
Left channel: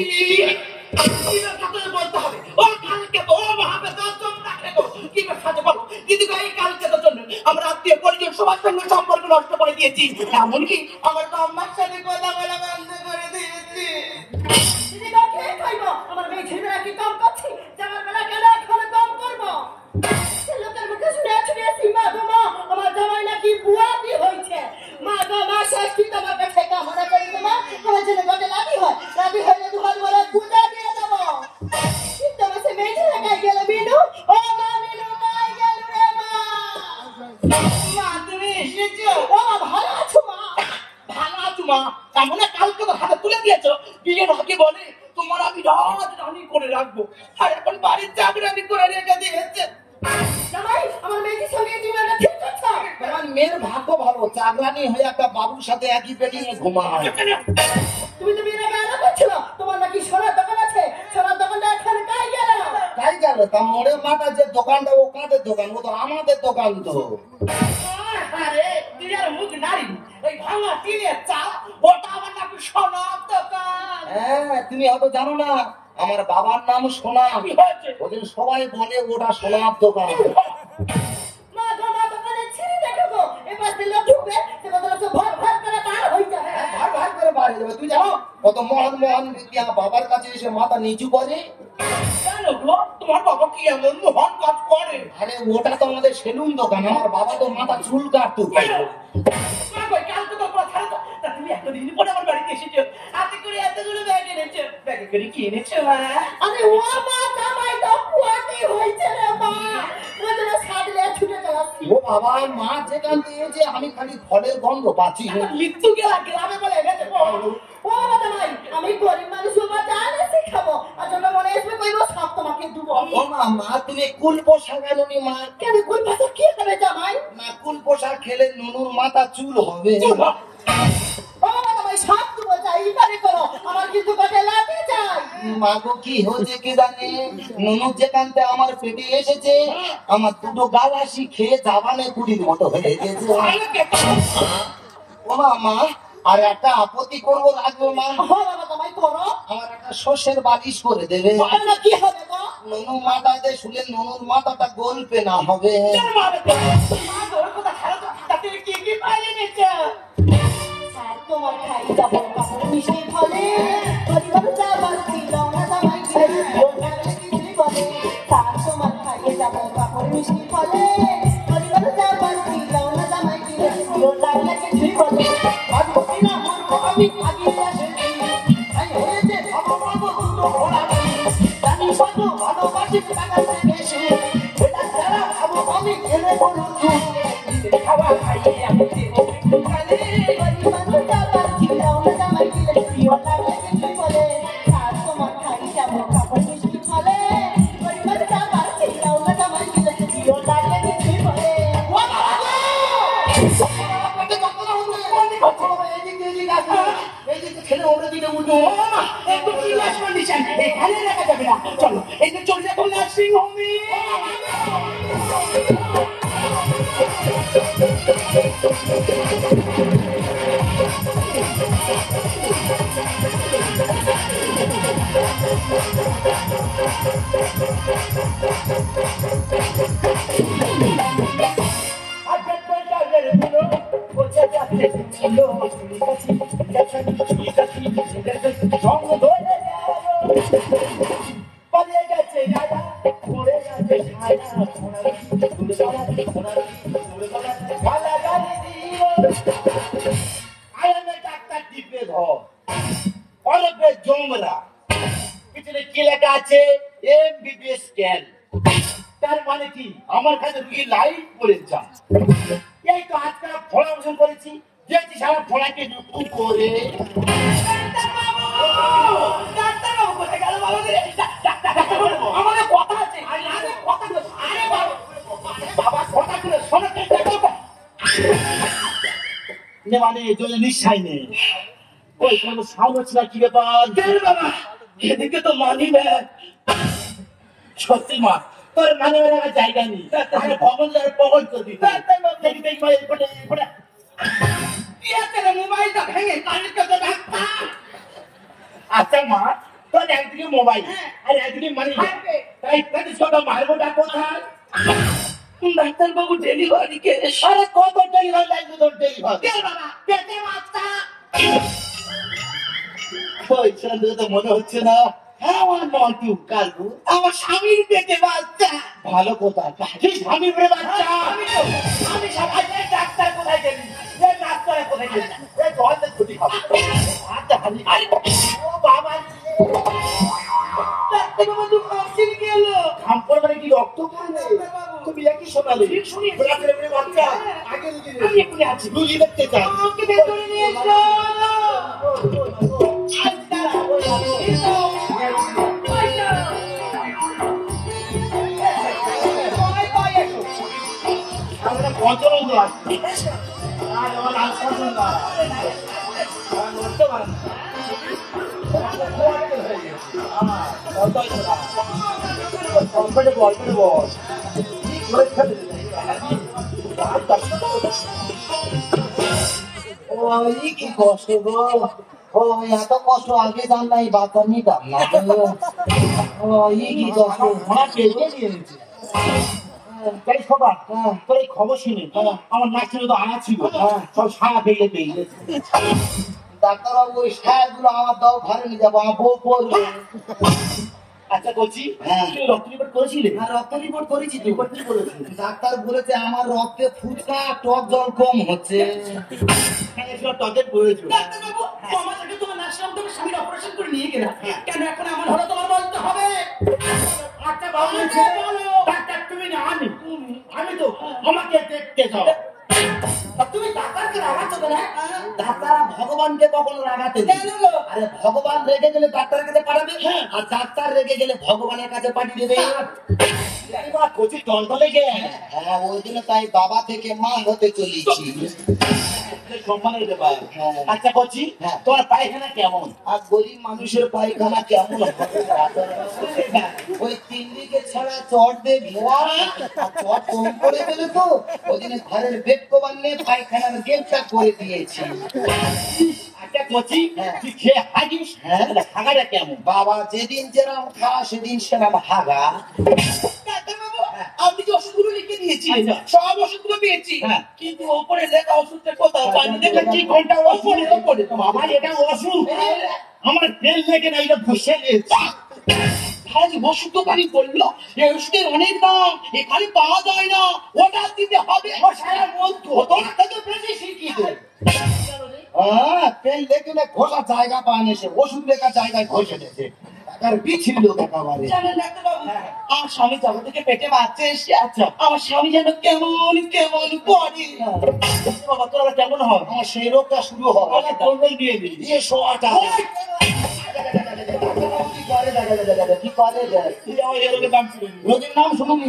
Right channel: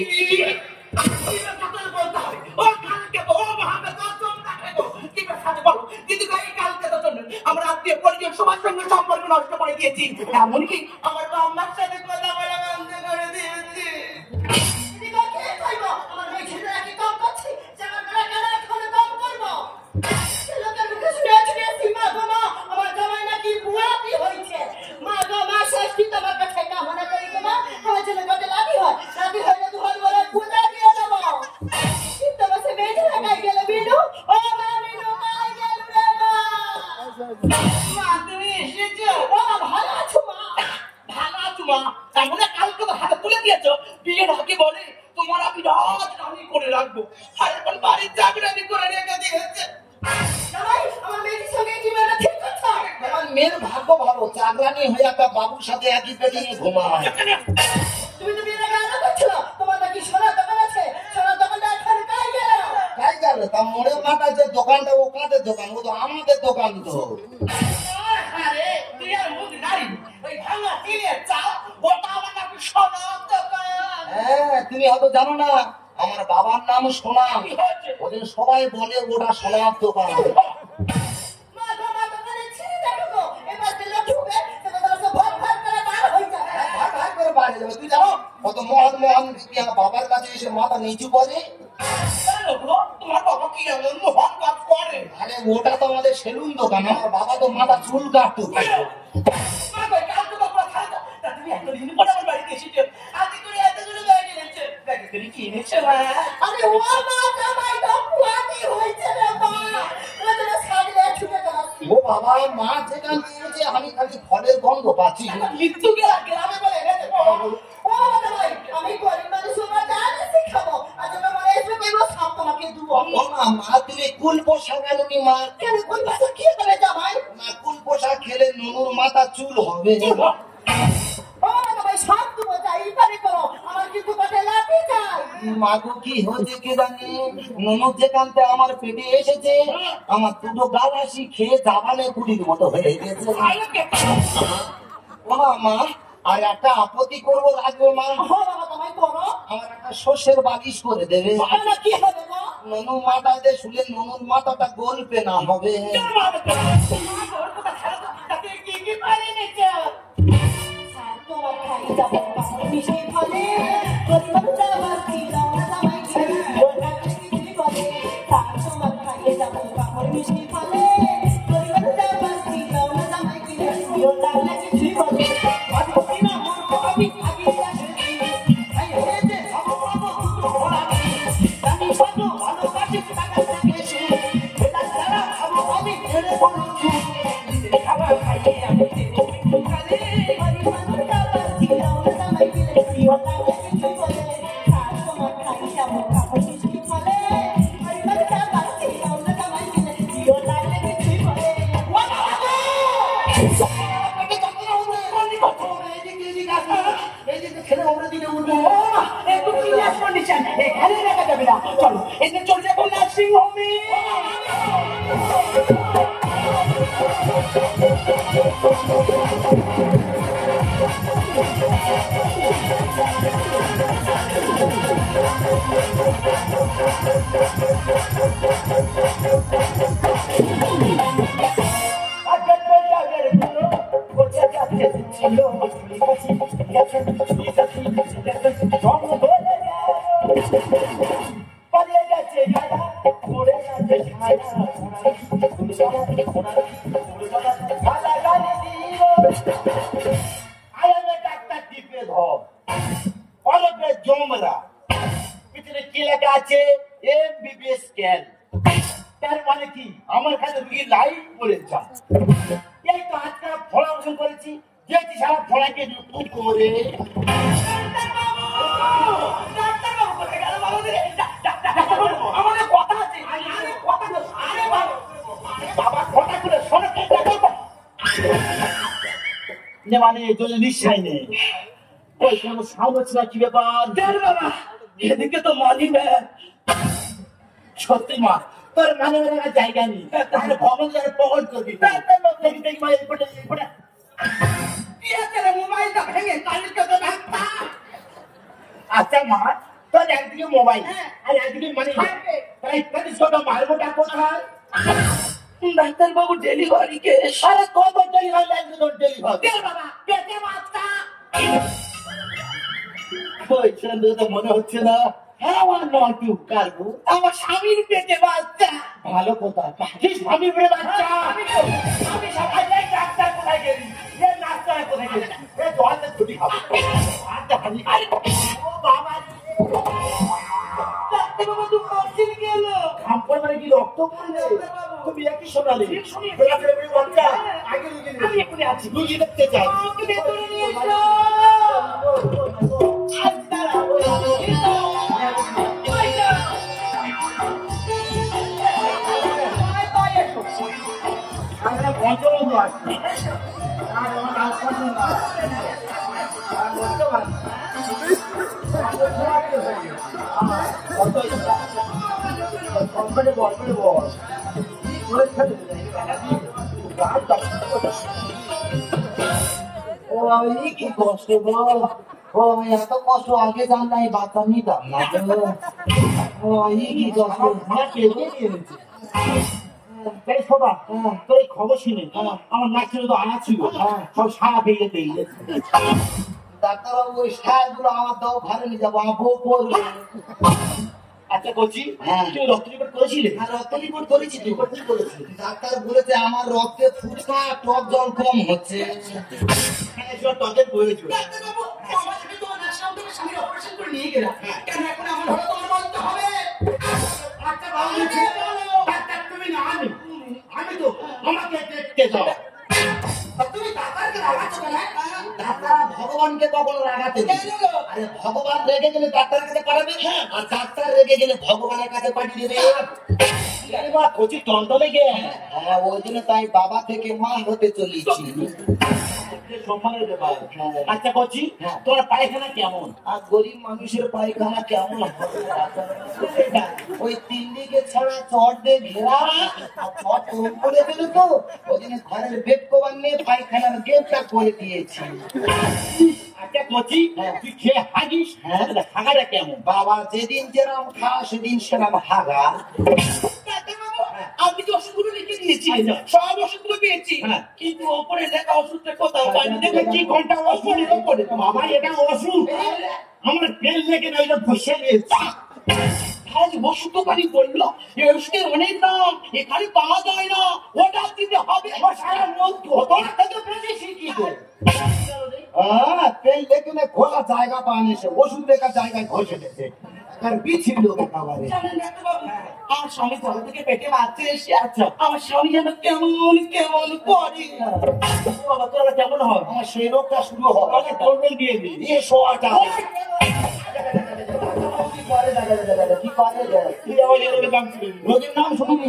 বলতে হবে ও কালকে তো ও ভাবে দর্শন রাখে গো। কি করে সাথে বলো দিদি গো, এই কালকে তো জন্য আমরা আত্মীয় পরিজন সবার সঙ্গে সম্পর্ক নষ্ট করে দিয়েছি। এমনকি আমার বাবার সাথে কথা বলা বন্ধ করে দিয়েছি। দিদি গো, কে কইবো আমার মেয়ে ছেলেরা কি কাম করছে? জামার বেলা কেন এখন কাম করবো? লোকের মুখে শুনে শুনে সীমা ধরো আমার জামাই নাকি বুয়াতি হয়েছে। মা গো মা, ষষ্ঠী তোমার কাছে কামনা করি গো মা, আমার জন্য গটে লাভি হয়। লাভি হলে দুহাত বলে পূজা দিয়ে দেবো। কিন্তু বসে মেয়ে লাগাই গেল বিনু। ও মা বিনু, মাই গেল রে মা। মা তুমি এসেছো? ও মা, ভালো আছো মা? ভালো আছো মা? এমন কালকে তো হাতে তুলে দিয়েছো, বিয়ের আগে বলে তোমার আমি রাজরানি করে রাখবো, আর এখন বাড়ির চাকরানি করে রেখে দিয়েছে। জামাই, আমার মেয়ের সঙ্গে জীবনটা ঠিক আছে? আমার মেয়ের ভাগ্য ভালো, চাকরানি হয়ে একটা বাবুর সাথে একই বেডে ঘুমায়। তুমি তো বিয়ের আগে আলাদা করছো, তোমার নাকি সোনার দোকান আছে, সোনার দোকানটা এখানে কাই গেল? তাই গেল তা মোড়ে মাথা যে দোকানটা, ও কাঁধের দোকান, ও তো আমাদের দোকান তো। আরে তুই আর মুখ নারী, ওই ভাঙা টিনের চাল, ওটা আমার নাকি সোনার দোকান। হ্যাঁ, তুমি হয়তো জানো না, আমার বাবার নাম সোনা। কি হয়েছে? ওদের সবাই বলে ওটা সোনার দোকান। মা সোনার দোকানে ছিঁড়ে দেখো গো, এবার দিলে ঢুকবে, সেটা তো ভর ভর করে বার হয়ে যাবে। ভাগ ভাগ করে বাড়ি যাবে। তুই জানো কত মহান মহান ব্যক্তি আমার বাবার কাছে এসে মাথা নিচু করে? কেন গো, তোমার বাবা কি এমন মহান কাজ করে? আরে ওটা তো আমাদের সেলুন দোকান, আমার বাবা তো মাথা চুল কাটতো। মা কই, কালকে তো কথা তা তুমি এতদিন পরে আমার বাড়িতে এসেছো, আজকে করে এতগুলো ব্যাগ এনেছো, ব্যাগে করে কি এনেছো মা? আরে ও মা, জামাই তো পুয়াতি হয়েছে রে মা, ও তো সাদলে ছুটে গেলাম। ও বাবা, মা যেখান দিয়েছে আমি খালি ফলের গন্ধ পাচ্ছি। মৃত্যু গেলা গ্রামে বলে গেছে। ও জামাই, আমি গরিব মানুষ, আমার জানে শিখাবো, আর তোমরা মনে এসে কইবো সব তোমাকে দেব। ও মা, তুমি কুল পোশাক আনোনি মা? কেন কোন ভাষা কি করে জামাই? না, কুল পোশাক খেলে নুনুর মাথা চুল হবে। ও জামাই, সব তুমি চাই পারে করো, মাগো কি হয়েছে কি জানে, নুনু যেখানতে আমার পেটে এসেছে আমার দুটো গালাসি খেয়ে জাবানে পুরির মতো হয়ে গেছে। ও মা, আর একটা আপত্তি করবো লাগবে মা, আমার একটা শস্যের বালিশ করে দেবে। কি হবে গো? নুনু মাথাতে শুলে নুনুর মাথাটা গল্পে না হবে। কি কি পাইলে নিচ্ছে? তোমার খাই যাবো মিশে ফলে তোমার খাইয়ে যাবো কাপড় মিশে ফলে চলো এতে চলে যাবো নার্সিং হোমে। পিছনে কি লেখা আছে MBBS স্ক্যান, তার মানে কি আমার কাছে রুগী লাইভ বলে যান। এই তো আজকাল ফলা ওষুধ করেছি, যেটি সারা ফলাকে রুকু করে আমাদের কথা আছে, বাবা ফটা করে শোনো মানে এই জন্য নিশ্চয় নেই। ওই কোনো সাউন্ড হচ্ছে না, কি ব্যাপার বাবা এদিকে তো মানি না। সত্যি মা, তোর মানে জায়গা নেই, ভবন পকল করবি। মোবাইলটা ভেঙে কালকে তো ডাক্তার। আচ্ছা মা, তোর একদিকে মোবাইল আর একদিকে মানি, তাই ছোট মারবোটা কোথায়? ডাক্তার বাবু ডেলিভারি কেস। আরে কত ডেলিভারি লাগবে তোর ডেলিভারি? বাবা পেটে বাচ্চা। ওই ছেলে তো মনে হচ্ছে না। হ্যাঁ আমার নটু কারু, আমার স্বামীর পেটে বাচ্চা। ভালো কোথায় স্বামী করে বাচ্চা? আমি সবাই যাই, ডাক্তার কোথায় গেলি? এ ডাক্তার কোথায় গেলি? এ জলের ছুটি খাবো। আচ্ছা হানি ও বাবা ডাক্তার বাবু তো অক্সিজেন গেল। খাম্পর মানে কি রক্ত খাবে? তুমি একই শোনালে শুনি। বাচ্চা আগে আমি এক্ষুনি আছি। রুগী দেখতে চাই। আমাকে ভেতরে নিয়ে এসো। আমরা পঞ্চমে আসছি। কি কষ্ট গো, ও এত কষ্ট আগে জানলাই বাচ্চা নিতাম না। ও কি কষ্ট, তোর এই খবর শুনে আমার নাক ছিল তো আমার ছিল, সব সারা পেয়ে পেয়ে ডাক্তারবাবু ওই সায়াগুলো আমার দাও, ঘরে নিয়ে যাবো, আমার বউ পড়বে। আচ্ছা বলছি, তুমি রক্ত রিপোর্ট করেছিলে? রক্ত রিপোর্ট করেছি। রিপোর্ট কি বলেছি? ডাক্তার বলেছে আমার রক্তে ফুচকা টক জল কম হচ্ছে, টকের প্রয়োজন। ডাক্তার বাবু আমাকে তোমার নার্সিং হোম থেকে স্বামীর অপারেশন করে নিয়ে গেলাম, কেন এখন এমন হলো তোমার বলতে হবে? আচ্ছা বাবু ডাক্তার তুমি না আমি তো আমাকে দেখতে যাও। তুমি ডাক্তারকে রাগাচ্ছ কেন? ডাক্তার ভগবানকে কখনো রাগাতে নেই। আরে ভগবান রেগে গেলে ডাক্তারের কাছে পাঠাবে, আর ডাক্তার রেগে গেলে ভগবানের কাছে পাঠিয়ে দেবে। কচি টন্টনে গে, হ্যাঁ ওই জন্য তাই বাবা থেকে মা হতে চলেছি। সম্মানের ব্যাপার। আচ্ছা বলছি তোমার পায়খানা কেমন? আর গরিব মানুষের পায়খানা কেমন হবে? ওই 3 দিকে ছাড়া চট দিয়ে ঘেরা, আর চট কম করে দিলে তো ওই দিনে ঘরের বেড কভার নিয়ে পায়খানার গেটটা করে দিয়েছি। আচ্ছা বলছি তুই খেয়ে হাগিস, হাগাটা কেমন? বাবা যেদিন যেরকম খাওয়া সেদিন সেরকম হাগা। আপনি যে ওষুধগুলো লিখে দিয়েছিলেন সব ওষুধগুলো পেয়েছি, কিন্তু ওপরে লেখা ওষুধটা কোথাও পাইনি। দেখেছি ঘন্টা ওপরে আমার এটা ওষুধ, আমার পেল লেগে না, এটা বসে গেছে। ওষুধ দোকানি বললো এই ওষুধের অনেক দাম, এখানে পাওয়া যায় না, ওটা দিতে হবে। পেল লেগে না ঘোষা জায়গা পান এসে ওষুধ লেখার জায়গায় ঘষে দিয়েছে। আর বিছিল একেবারে। জানেন ডাক্তারবাবু, আমার স্বামী যখন থেকে পেটে বাচ্চা এসে, আচ্ছা আমার স্বামী যেন কেমন কেমন করে। বাবা তোরা কেমন হয়? আমার সেই রোগটা শুরু হয়, কন্ট্রোল দিয়ে দিই দিয়ে শোয়াটা কি করে রোগের নাম শুনুনি,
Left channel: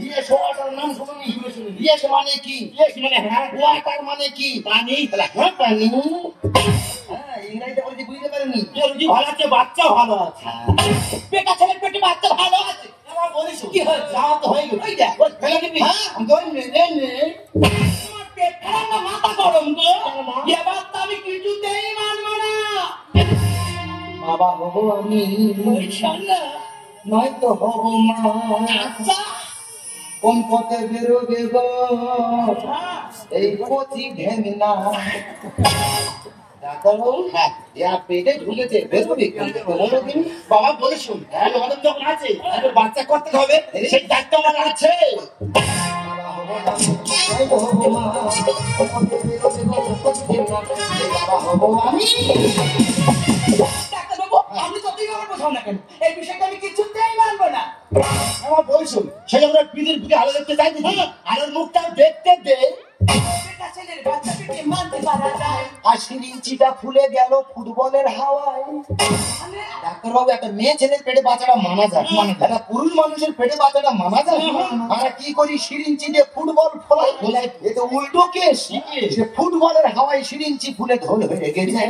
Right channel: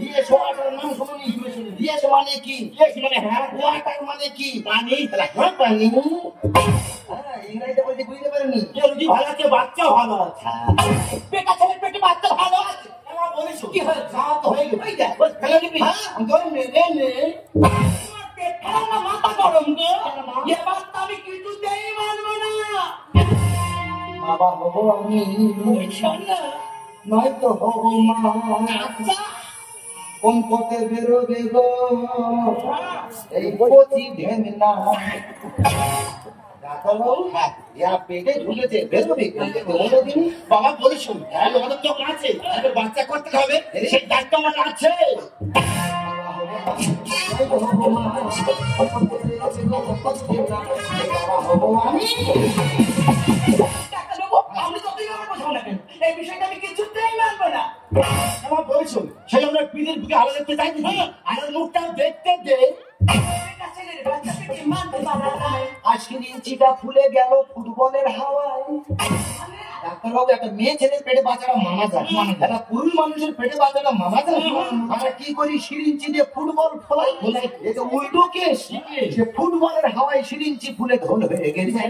দিয়ে শোয়াটার নাম শুনুনি। ইয়েস মানে কি? ইয়েস মানে হ্যাঁ, ওয়াটার মানে কি? পানি। হ্যাঁ পানি। ইংরেজিতে বলতে বুঝতে পারিনি। রুগী ভালো আছে, বাচ্চা ভালো আছে। বেটা ছেলের পেটে বাচ্চা ভালো আছে। আমার বলিস কি হয়েছে? যা তো হয়ে গেল। ওই দেখ, ওই ফেলে দিবি। হ্যাঁ আমি ধরে নে আমার পেট খারাপ না, মাথা গরম তো। এবার তো আমি কিছুতেই মানবো না। বাবা হবো আমি, ইনশাআল্লাহ। নয়তো হবো না। আচ্ছা কোন পথে বেরোবে গো এই কচি ঢেমনা? ডাক্তারবাবু পেটে ঢুকেছে, বেরোবে কোনোদিন? বাবা বলে শুন, আমাদের যখন আছে বাচ্চা করতে হবে, সেই দায়িত্ব আমার আছে। ডাক্তারবাবু, আপনি যতই আমার বোঝাও না কেন, এই বিষয়টা আমি কিছুতেই মানবো না। আমার বলছুন সেই আমরা পিঠের দিকে আলো দেখতে চাইছি, আলোর মুখটা দেখতে দে। বেটা ছেলের বাচ্চা পেটে মানতে পারা যায়। 80 ইঞ্চিটা ফুলে গেল ফুটবলের হাওয়ায়। ডাক্তারবাবু একটা মেয়ে ছেলের পেটে বাচ্চাটা মানা যায়, একটা পুরুষ মানুষের পেটে বাচ্চাটা মানা যায়? আমরা কি করি, সিরিঞ্চি দিয়ে ফুটবল ফলাই, এ তো উল্টো কেস। সে ফুটবলের হাওয়ায় সিরিঞ্চি ফুলে ঢোল হয়ে গেছে।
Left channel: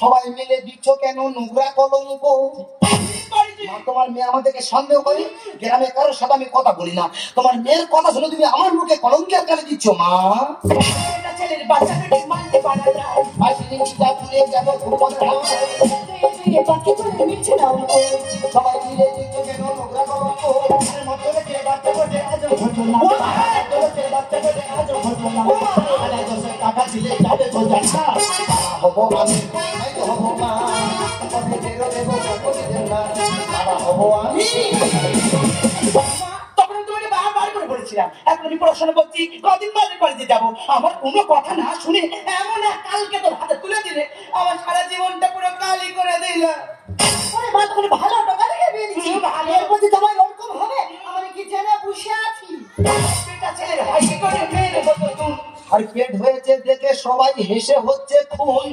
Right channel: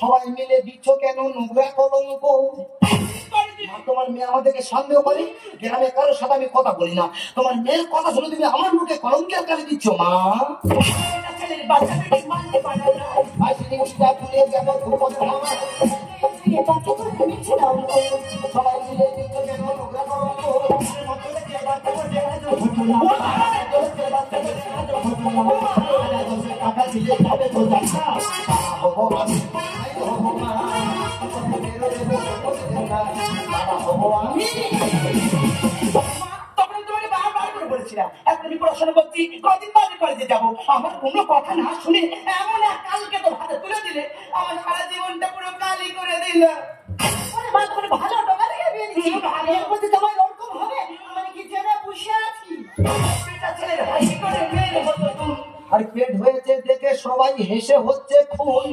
সবাই মিলে দিচ্ছ কেন নোংরা কলঙ্ক? তোমার মেয়ে আমাদেরকে সন্দেহ করে, গ্রামে কারোর সাথে আমি কথা বলি না। তোমার মেয়ের কথা শুনে তুমি আমার মুখে কলঙ্কের কালি দিচ্ছ মা। বেটা ছেলের বাচ্চা পেটে মানতে পারা যায়। ফুলে গেল ফুটবলের হাওয়ায়। সবাই মিলে দিচ্ছ কেন নোংরা কলঙ্ক? হবো আমি, হবো মা, হবো আমি। তখন তোমাকে বারবার করে বলেছিলাম, এখন আমি পড়াশোনা করছি, কদিন বাদে কলেজে যাবো। আমার কোনো কথা না শুনে এমন এক কালকে তোর হাতে তুলে দিলে, আমার সারা জীবনটা পুরো কালি করে দিল। ভালো টাকা থেকে বিয়ে দিচ্ছি, এর মধ্যে তোমার ওরকম হবে আমি কি জেনে বসে আছি। বেটা ছেলের হাসি করে মেরে হতো তুমি। আর পেট হয়েছে দেখে সবাই হেসে হচ্ছে খুন।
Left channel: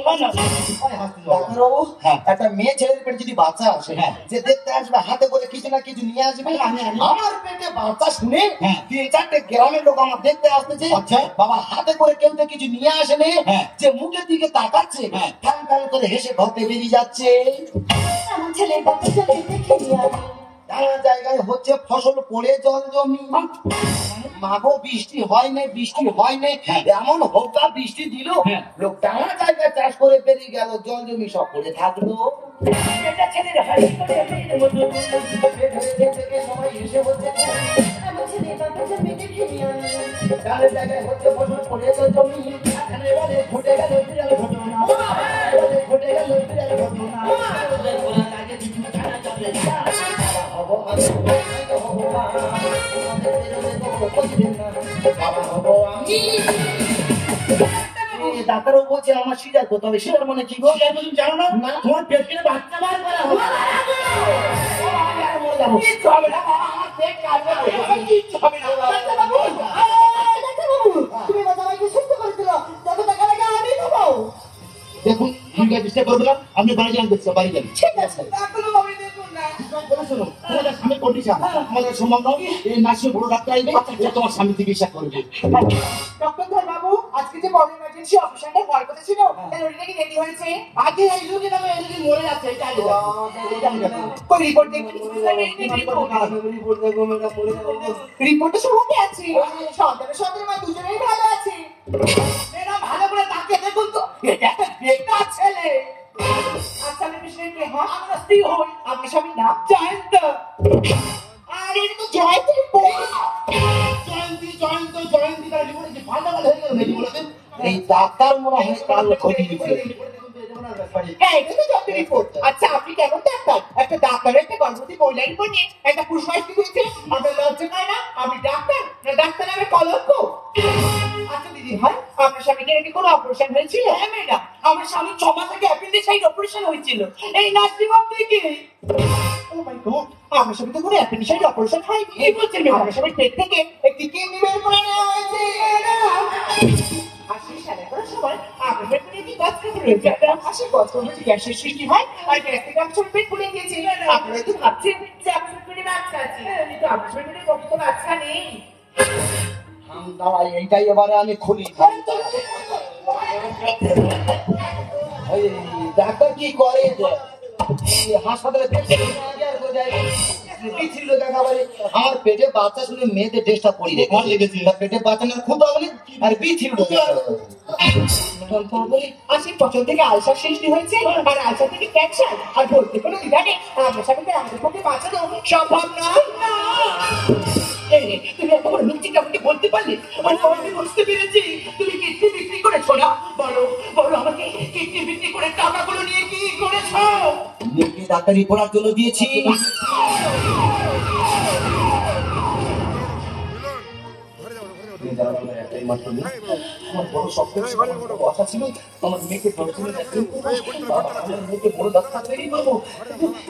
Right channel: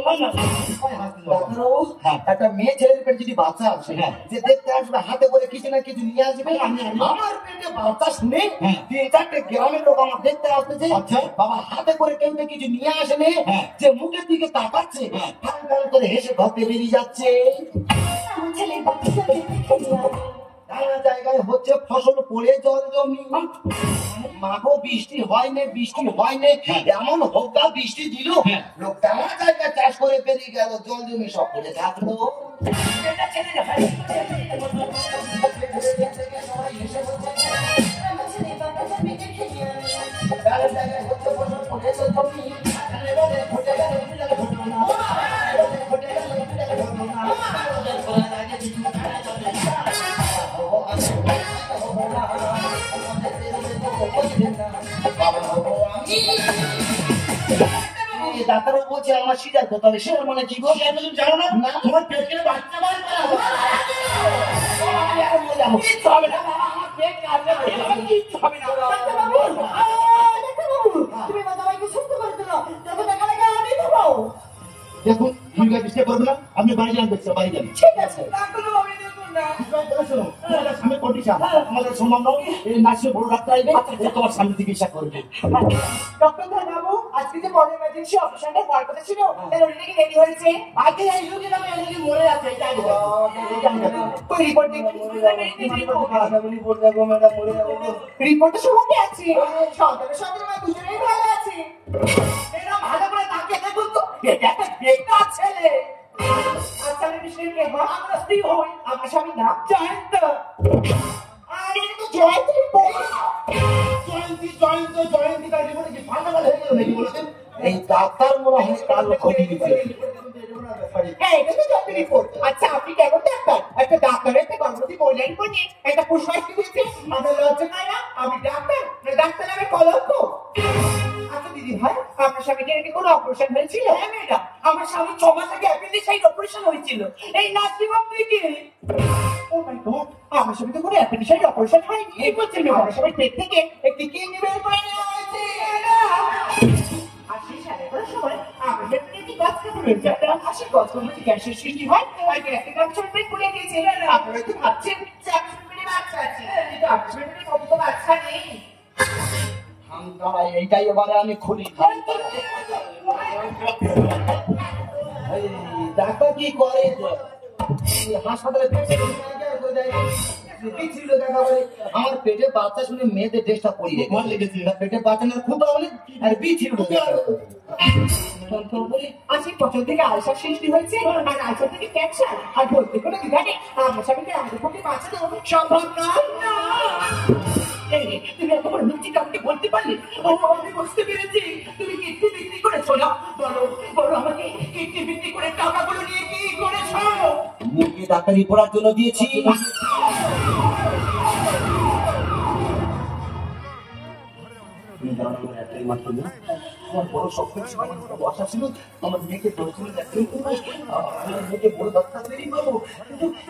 একটা মেয়ে ছেলের পেটে যদি বাচ্চা আসে, যে দেখতে আসবে হাতে করে কিছু না কিছু নিয়ে আসবে। আমার পেটে বাচ্চা শুনে 3-4টে গ্রামের লোক আমার দেখতে আসতেছে, বাবা হাতে করে কেউ তো কিছু নিয়ে আসেনি, যে মুখের দিকে তাকাচ্ছে, টান টান করে হেসে ঘরতে বেরিয়ে যাচ্ছে। আমার ছেলের বাচ্চাকে দেখে নিয়ে নানা জায়গায় হচ্ছে ফসল পড়ে জল জমি। মাগো বৃষ্টি হয়নি, বৃষ্টি হয়নি, এমন হোকা বৃষ্টি দিল, লোক নানা জায়গায় চাষ করে বেরিয়ে গেল, জল জমি সব পড়ে থাকলো। বেটা ছেলের হাসি করে সবাই হেসে বলছে, আমার ছেলের বাচ্চাকে দেখে নিয়ে নানা জায়গায় হচ্ছে ফসল পড়ে জল জমি। ঘটে গেল বিড়াল ঘটনা, ঘটে গেল বিড়াল ঘটনা। ডাক্তারও বলছে আমার সিজার করতে হবে। সিজার মানে কি গো? জানো না তোমার পেট কেটে বাচ্চা বার করা হবে। কিচ্ছু হবে না, আমার পেট কাটবে, কিচ্ছু হবে না। তুমি বাচ্চাকে সুস্থ করে দিল, তবে টাকা লাগে আমি দেবো। দেখুন ঠিক আছে, চেষ্টা করবো না, আপনি বাড়ি যান, দেখছি বাড়ি যান। ঠিক আছে, ডাক্তারবাবু দেখুন না। শোনো, তোমাদের স্বামীর কন্ডিশন আমাদের সম্মান দাও, এই মাসে বড় ডাক্তার আইবে, ও তোমার স্বামী চিকিৎসা করবে। ডক্টর ধর্মাবু, আজকে যে বড় ইমার্জেন্সি অপারেশনটা হওয়ার কথা ছিল, তার ওটা কি রেডি হয়েছে? আগে এই রোগী নামে অলরেডি মরে আছে, এটা আগে কই রিপোর্ট দেখি। রিপোর্টে সবাই আছে, সন্তানের সঙ্গে মা দুজনেই ভালো আছে। এরা ভালো করে তাকে দেখুন তো, এটা একটা বেকার ছেলে। আচ্ছা আমি বিষয়ে কে হয়? আমরা স্ত্রী হই, আপনার স্বামীর নাম জয়ন্ত। আর এটা তো জয়ন্তের বউ। জয়ন্তী তার রিপোর্টে কি ফাটাফাট হয়ে গেল নাকি বলেছেন? এই ডাক্তার মনে হয় কাল ক্ষতি দিচ্ছে। হ্যাঁ, এটা তো ডক্টর রিপোর্ট। আচ্ছা আপনি কেমন ডাক্তার? একটা ডাক্তারের একটা গর্ভবতী মহিলার উপর নিয়ে একটা পুষ্পাস্তি করেছে, আপনার লজ্জা হয় না? আপনি ডাক্তার না ডাক্তার নামে কলঙ্ক? আচ্ছা দিদি ভাই, আপনার স্বামীকে নাকি কোনো অপারেশন হয়েছিল? হ্যাঁ ম্যাডাম, আমার স্বামী 6 মাস আগে অ্যাপেন্ডিসাইট অপারেশন হয়েছিল এই নার্সিং হোম থেকে। ও মাই গড, আমার স্বামী তো কোনো অ্যাপেন্ডিসাইট অপারেশন হয়নি। কি বলছেন আমার স্বামীর পেট থেকে একটি কিডনি বের করে নেওয়া হয়েছে। আশি সালে করার সময় আমার পেটে একটি গাছ কেটে রয়েছে। আশি গাছ করলে গ্যাসের সৃষ্টি হয় আর গ্যাসের কাজ চলে পেট ফুলে গিয়েছে। আপনারা তো ভাবছেন যে আপনার পেটে বাচ্চা আছে, কিন্তু আপনার পেটে কত বাচ্চা নেই। দাঁড়াই, এইটাই এবারে আমি খুলি। এই ডাক্তার কি করে? হাসপাতালে ছিল দেখাবারে আমার পেটে বাচ্চা শুনে মেয়েদের ড্রেসটা পরিয়ে লেগেছে, পেটে বাচ্চা না খুব বলে আর বি ছিল। আশি বছর থেকে আলসার সৃষ্টি হয়েছে আর আলসার থেকে ক্যান্সার, আর বলতে কোনো বিধানে আপনার স্বামীকে আমাদের পক্ষে বাঁচানো সম্ভব নয়। না এই রে, তুমি এত বড় মিথ্যিটা আমাকে বলতে পারলে? আমি বুঝতে পেরেছি তুমি কিডনি বিক্রি করেছো না। বলো বলো আমাকে, কিডনি বিক্রি করে টাকাগুলো নিয়ে কি করেছো? মুরগি ডাক্তারি করার জন্য দিয়েছি। আমার বড় শক্ত ছিল, কথা ছিল আমার মেয়েকে ধরেছিল, আমার মেয়েকে বড় ডাক্তার তৈরি করবো।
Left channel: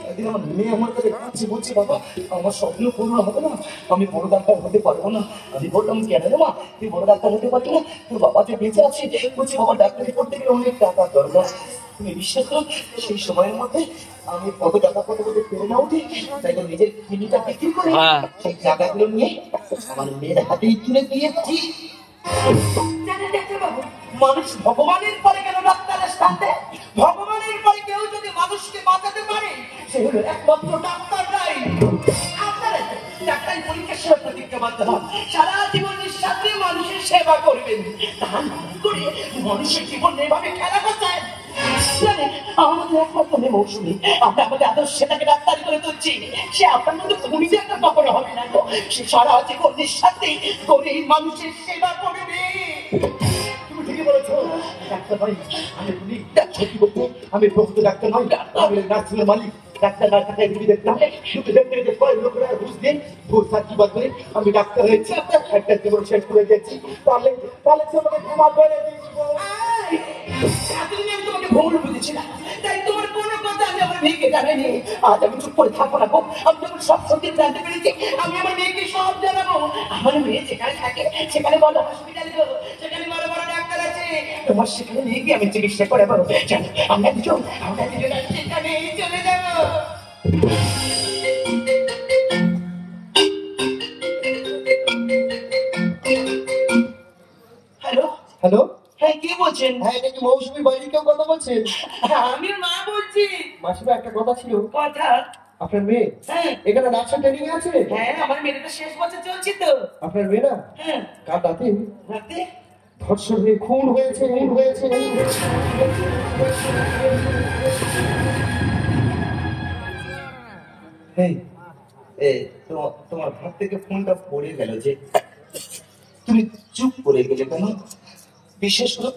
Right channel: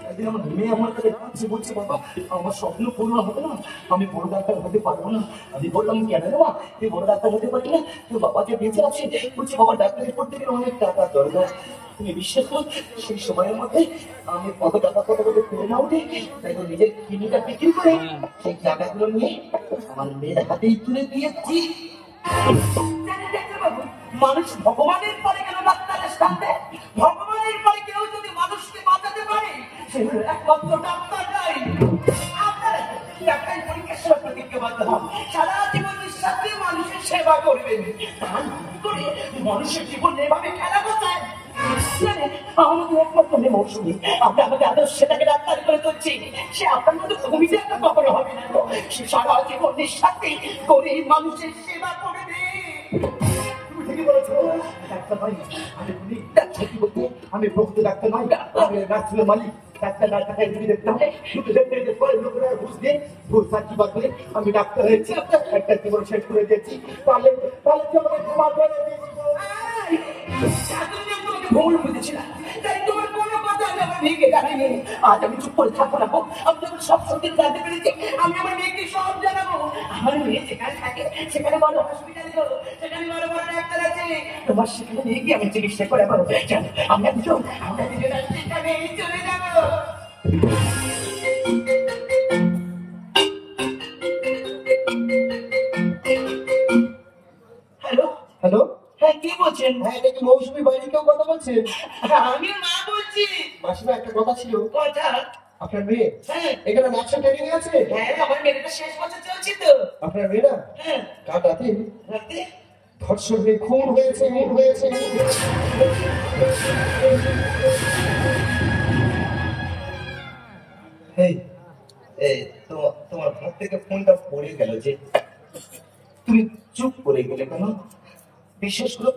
একদিন আমার মেয়ে আমার কাছে কাছে বলছে, বাবা আমার স্বপ্ন পূর্ণ হবে না, আমি বড় ডাক্তার হতে পারবো না। আমি বললাম কেন বাবা তুই বড় ডাক্তার হতে পারবি না? তোর বাবা যে বেঁচে আছে, বলছে বাবা ডাক্তারি করতে গেলে অনেক টাকার দরকার। তুমি বিশ্বাস করো সেই সময়ের মধ্যে আমি কত টাকা কত কত ফেলে না উঠে, তাই তো নিজের কিডনিটা বিক্রি করে সেই টাকাগুলো নিয়ে আমার মেয়ের হাতেই তুলে দিয়েছি। জানেন ডাক্তারবাবু, মানুষ ভগবানের পরে কেন ডাক্তারের সাথে? ভগবানের পরে কেউ যদি মানুষকে বাঁচাতে পারে সে হলো একমাত্র ডাক্তাররাই। আপনারা ডাক্তারি পরীক্ষার সময় প্রতিজ্ঞাবদ্ধ হন সারা জীবন নিঃশ্বাস দিয়ে মানুষের সেবা করবেন, তার করে মানুষের জীবন এভাবে খেলা করছেন। আমাদের একমাত্র মেয়ে মৌসুমী, আমরা আমাদের আদর্শ সেটাকে ডাক্তারি করে তুলছি। সে আপনার মধ্যে ভূমিতে একটা কখনো হবে না তো, সে সারা জীবন নিঃস্বার্থে গরিব মানুষের সেবা করবে। তুমি ঠিকই বলেছো, ডাক্তার ভাই আমি পুলিশ ডাক্তার কি বলবো, আমি ভক্ত ডাক্তার নয়, আমি নার্সিং মালিক। ডাক্তার না থাকায় রুগী দেখতে হয়, শুধু দেখতে দেখতে পরে লোকেরা ঘুষ দিয়ে ঘুষ সার্টিফিকেট করে আমি ডাক্তার হয়েছি, একটা জীবন শেষ করে দিয়েছি। তাহলে তাহলে কি আমাকে তোমার বেড়ে দিয়েছিল? এতদিন আমি তোমাকে ভুল বুঝেছিলাম, তাই তোমার কোনো কথা আমি আমার মেয়েকে জানাইনি। আজ আমি চুপ করে থাকবো না গো, আমি যখন সব সত্যি জানতে পেরেছি আমি আমার মেয়েকে সব জানাবো। আমার মেয়ে যেখানে থাকে সেখানে বড় হসপিটাল গো, সেখানে বড় বড় ডাক্তার আছে, তোমার সেখানে নিয়ে গিয়ে আমি চিকিৎসা করে পাবো। চলো আমরা দুজন সেখানে চলে যাবো। হ্যালো হ্যালো, হ্যাঁ কে বলছেন? হ্যাঁ এটা কি মৌসুমী বাইরে কেউ কথা বলছেন? আমি মা বলছি। মাসিমা একটা কথা ছিল, কথা? আপনার মেয়ে হ্যাঁ এখানে নার্সিং ট্রেনিং আছে? হ্যাঁ, আমার মেয়েটা শেষ বছর চলছে তো। আপনার মেয়ে না হ্যাঁ কাল রাতে রাতে ধর্ষণ হয়ে খুন হয়েছে। এই এই তোমার হাত থেকে ফোনটা পড়ে গেল যে, তুমি চুপ করে গেলে কেন? বিশেষ করে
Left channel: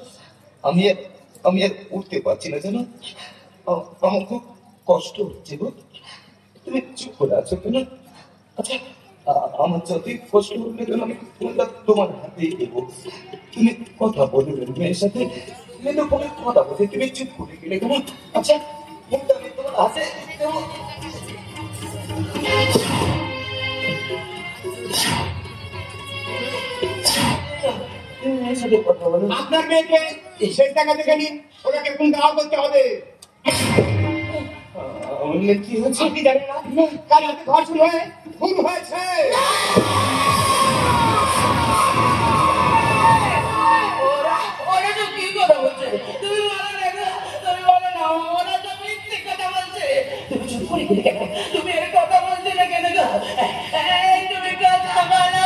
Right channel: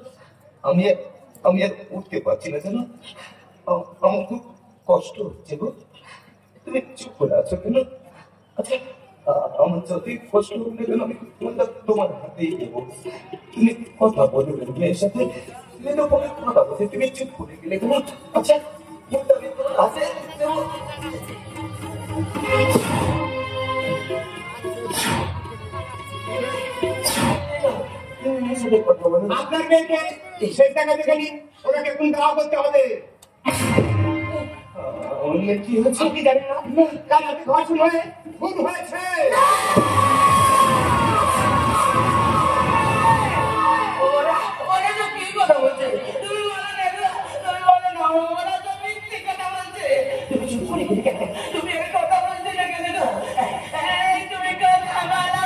আমি আর উঠতে পারছি না কেন? আমার খুব কষ্ট হচ্ছে গো, তুমি চুপ করে আছো কেন? আচ্ছা আমার যদি কষ্ট হলে কেন আমি ফোনটা তোমার হাতেই দেবো, তুমি কথা বলবে মেয়ের সাথে, কিন্তু কোনো কথা বলতে তুমি চুপ করে গেলে কেন? আচ্ছা ফোনটা আমি তোমার হাতে দেবো। আপনার মেয়েকে সেই টাকা থেকে নিন, ওনাকে কোন দেওয়া করতে হবে। কি হয়েছে কি জানি না, কাল রাতে ঘর শুরু হয়ে খুন হয়েছে। ওরা তো কি কথা বলছে, তুমি বলো না, তুমি বলো না, ওরা তো মিথ্যে কথা বলছে। তুমি চুপ করে গেলে কেন? তুমি এর কথা বলছে না কেন গো? তুমি কথা বলো।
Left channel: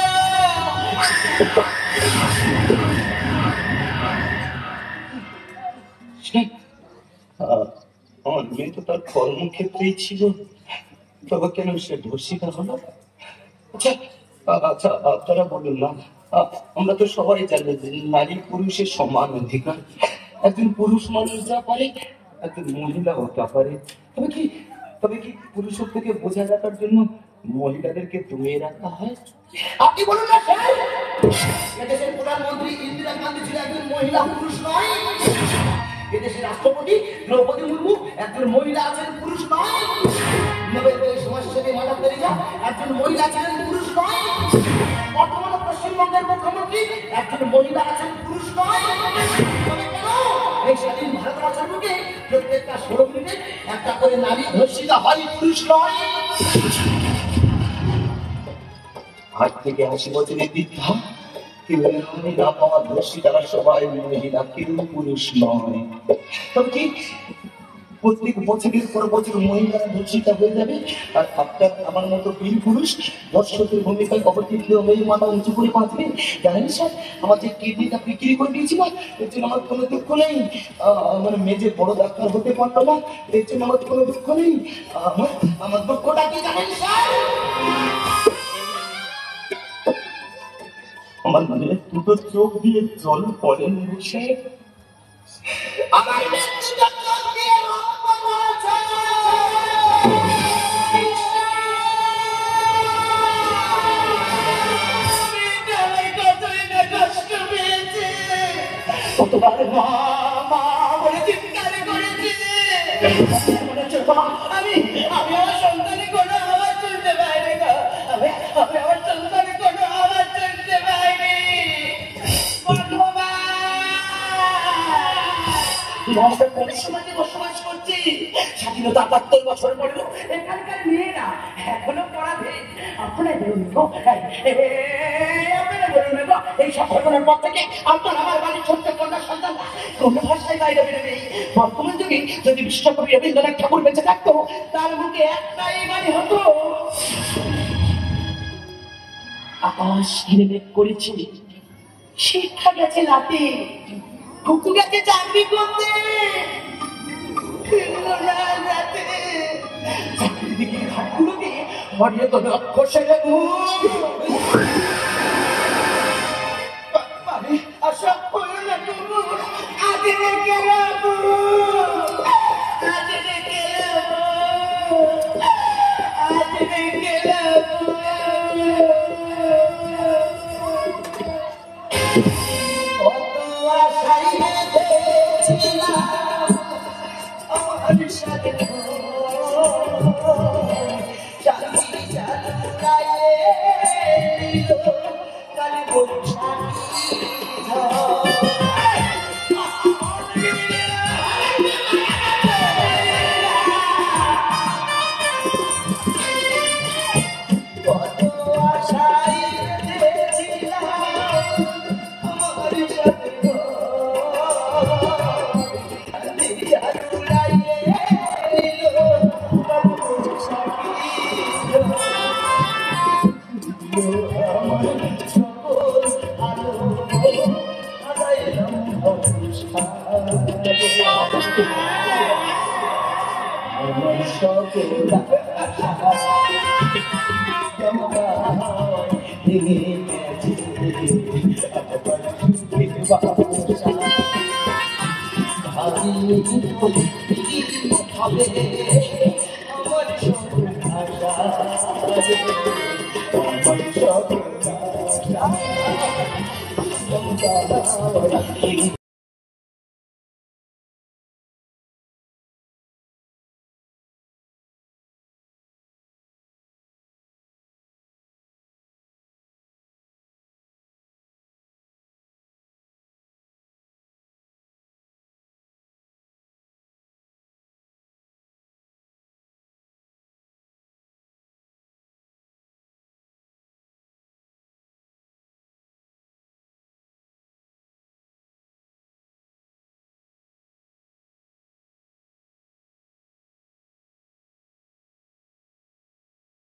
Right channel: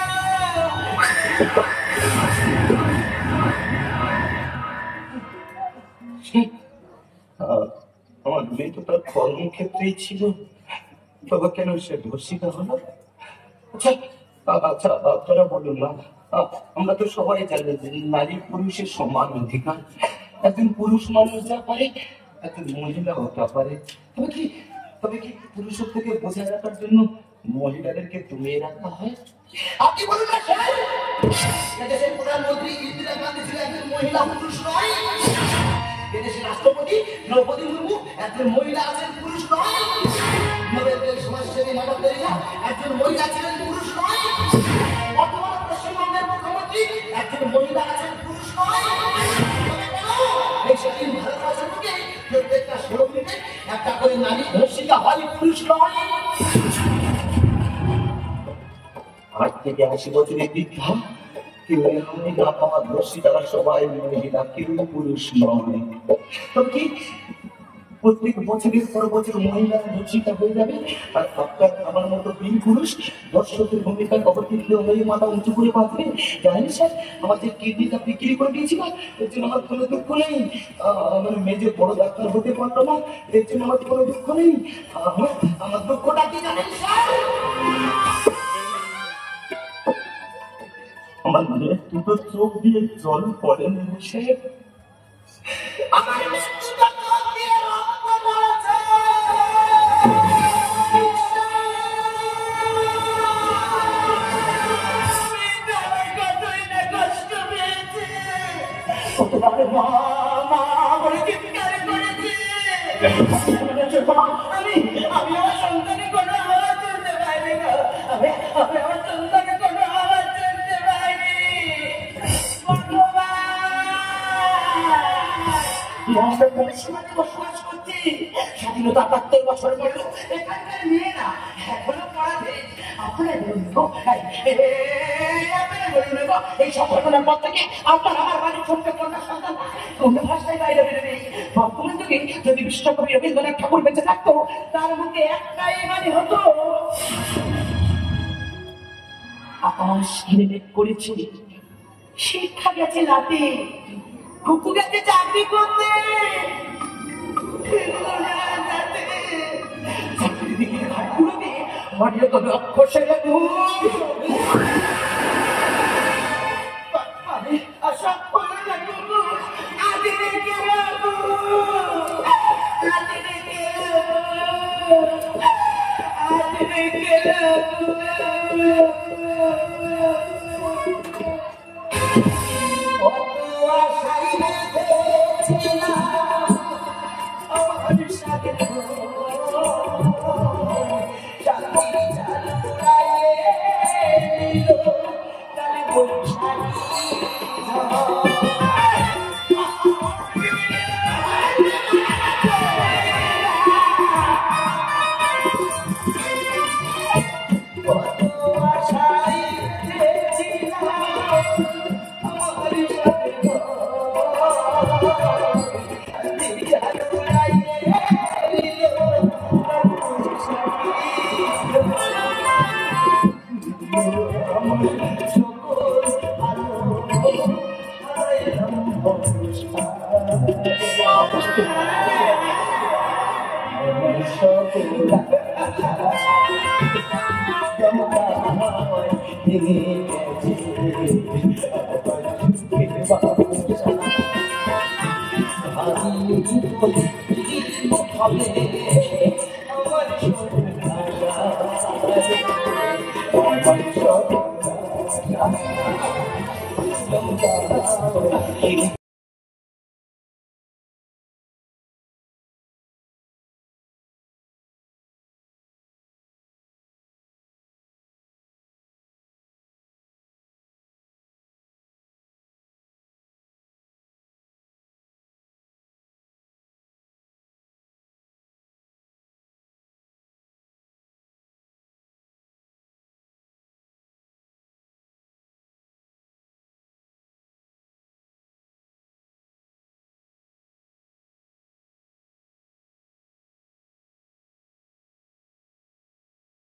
আমার মেয়ে তো তার কর্মক্ষেত্রেই ছিল, তবে কেন সে ধর্ষিতা হলো? আচ্ছা আচ্ছা, আপনারা বলুন না, আমরা তো সবাই জানি যে নারী পুরুষের সমান অধিকার। একজন পুরুষ মানুষ যা পারে একজন মহিলা হতে পারে। তবে কি পুরুষের থেকে বোঝা রাখার জন্য মহিলাদেরকে দমিয়ে রাখা হয়? আপনি বলুন না স্যার, এদেশের প্রধানমন্ত্রী ইন্দিরা গান্ধী ছিল একজন মহিলা, পুরুষ নয়। এদেশের রাষ্ট্রপতি দ্রৌপদী মুর্মু একজন মহিলা, আছেন পুরুষ নয়। নোবেল সমাজসেবী মাদার তেরেসা একজন মহিলা, ছিলেন পুরুষ নয়। বর্তমানে পশ্চিমবঙ্গের মুখ্যমন্ত্রী একজন মহিলা, আছেন পুরুষ নয়। এই স্বাধীন ভারতবর্ষের বুকে প্রত্যেকটা 16 মিনিটে একটা করে নারী ধর্ষিতা হয়, পুরুষ নয়। আজ থেকে 80 বছরের বৃদ্ধা কেউ মহিলা পাওয়া ধর্ষিতা সবাই মহিলা, কেউ পুরুষ নয়। তবে কি প্রত্যেক বছরের পর বছর মহিলারা ধর্ষিতা হয়ে যাবে, আর আপনার আমার মতো বীর পুরুষ দর্শকের ভূমিকায় অবতীর্ণ হয়ে মাথা উঁচু করে বাঁচবে? জানেন স্যার, আমার যে কিডনিটা বিক্রি করে দিয়েছিলাম এর জন্য আমার কোনো দুঃখ নেই। মানে মেজে বড় ডাক্তার হতে পারলো না, এর জন্য আমার কোনো দুঃখ নেই। আমার দুঃখটা কি জানেন স্যার? আমার মেয়ে দুটো চোখ দিয়ে জল পড়ে বসে, আমার মৃত্যুটা চোখ দিয়ে রক্ত পড়ছে। মেয়েটা কতই না কষ্ট পেয়েছে, কতবার মা মা বলে চিৎকার করেছে। আমি আমার সন্তানের কোনো আওয়াজ শুনতে পাইনি না, আমি আমার সন্তানের কোনো আওয়াজ শুনতে পাইনি। সমাজে বসবাস করছি, স্বাধীনতা ৭৫ বছর পড়ল, এখানকার মেয়েরা এখনো পড়াতে। আপনারা বলুন তো, আপনারা বলুন তো, এই সব ঘটনার পর থেকে আপনার আমার বাড়ির ছোট্ট কন্যা সন্তানরা কোন ভাষায় বাইরে বেরোবে? বর্তমান যুগে যদি বিশ্বকবি রবীন্দ্রনাথ ঠাকুর বেঁচে থাকতো, তার মুখে একটাই বাণী হতো, আকাশ ঘিরে মেঘ করেছে, শিক্ষা গেছে রাতে, কুকু গেছে চাকরি করতে। চাকরির দিকে ঘাটগুলোকে হরিয়ত লক্ষ্য সেরে আশা করে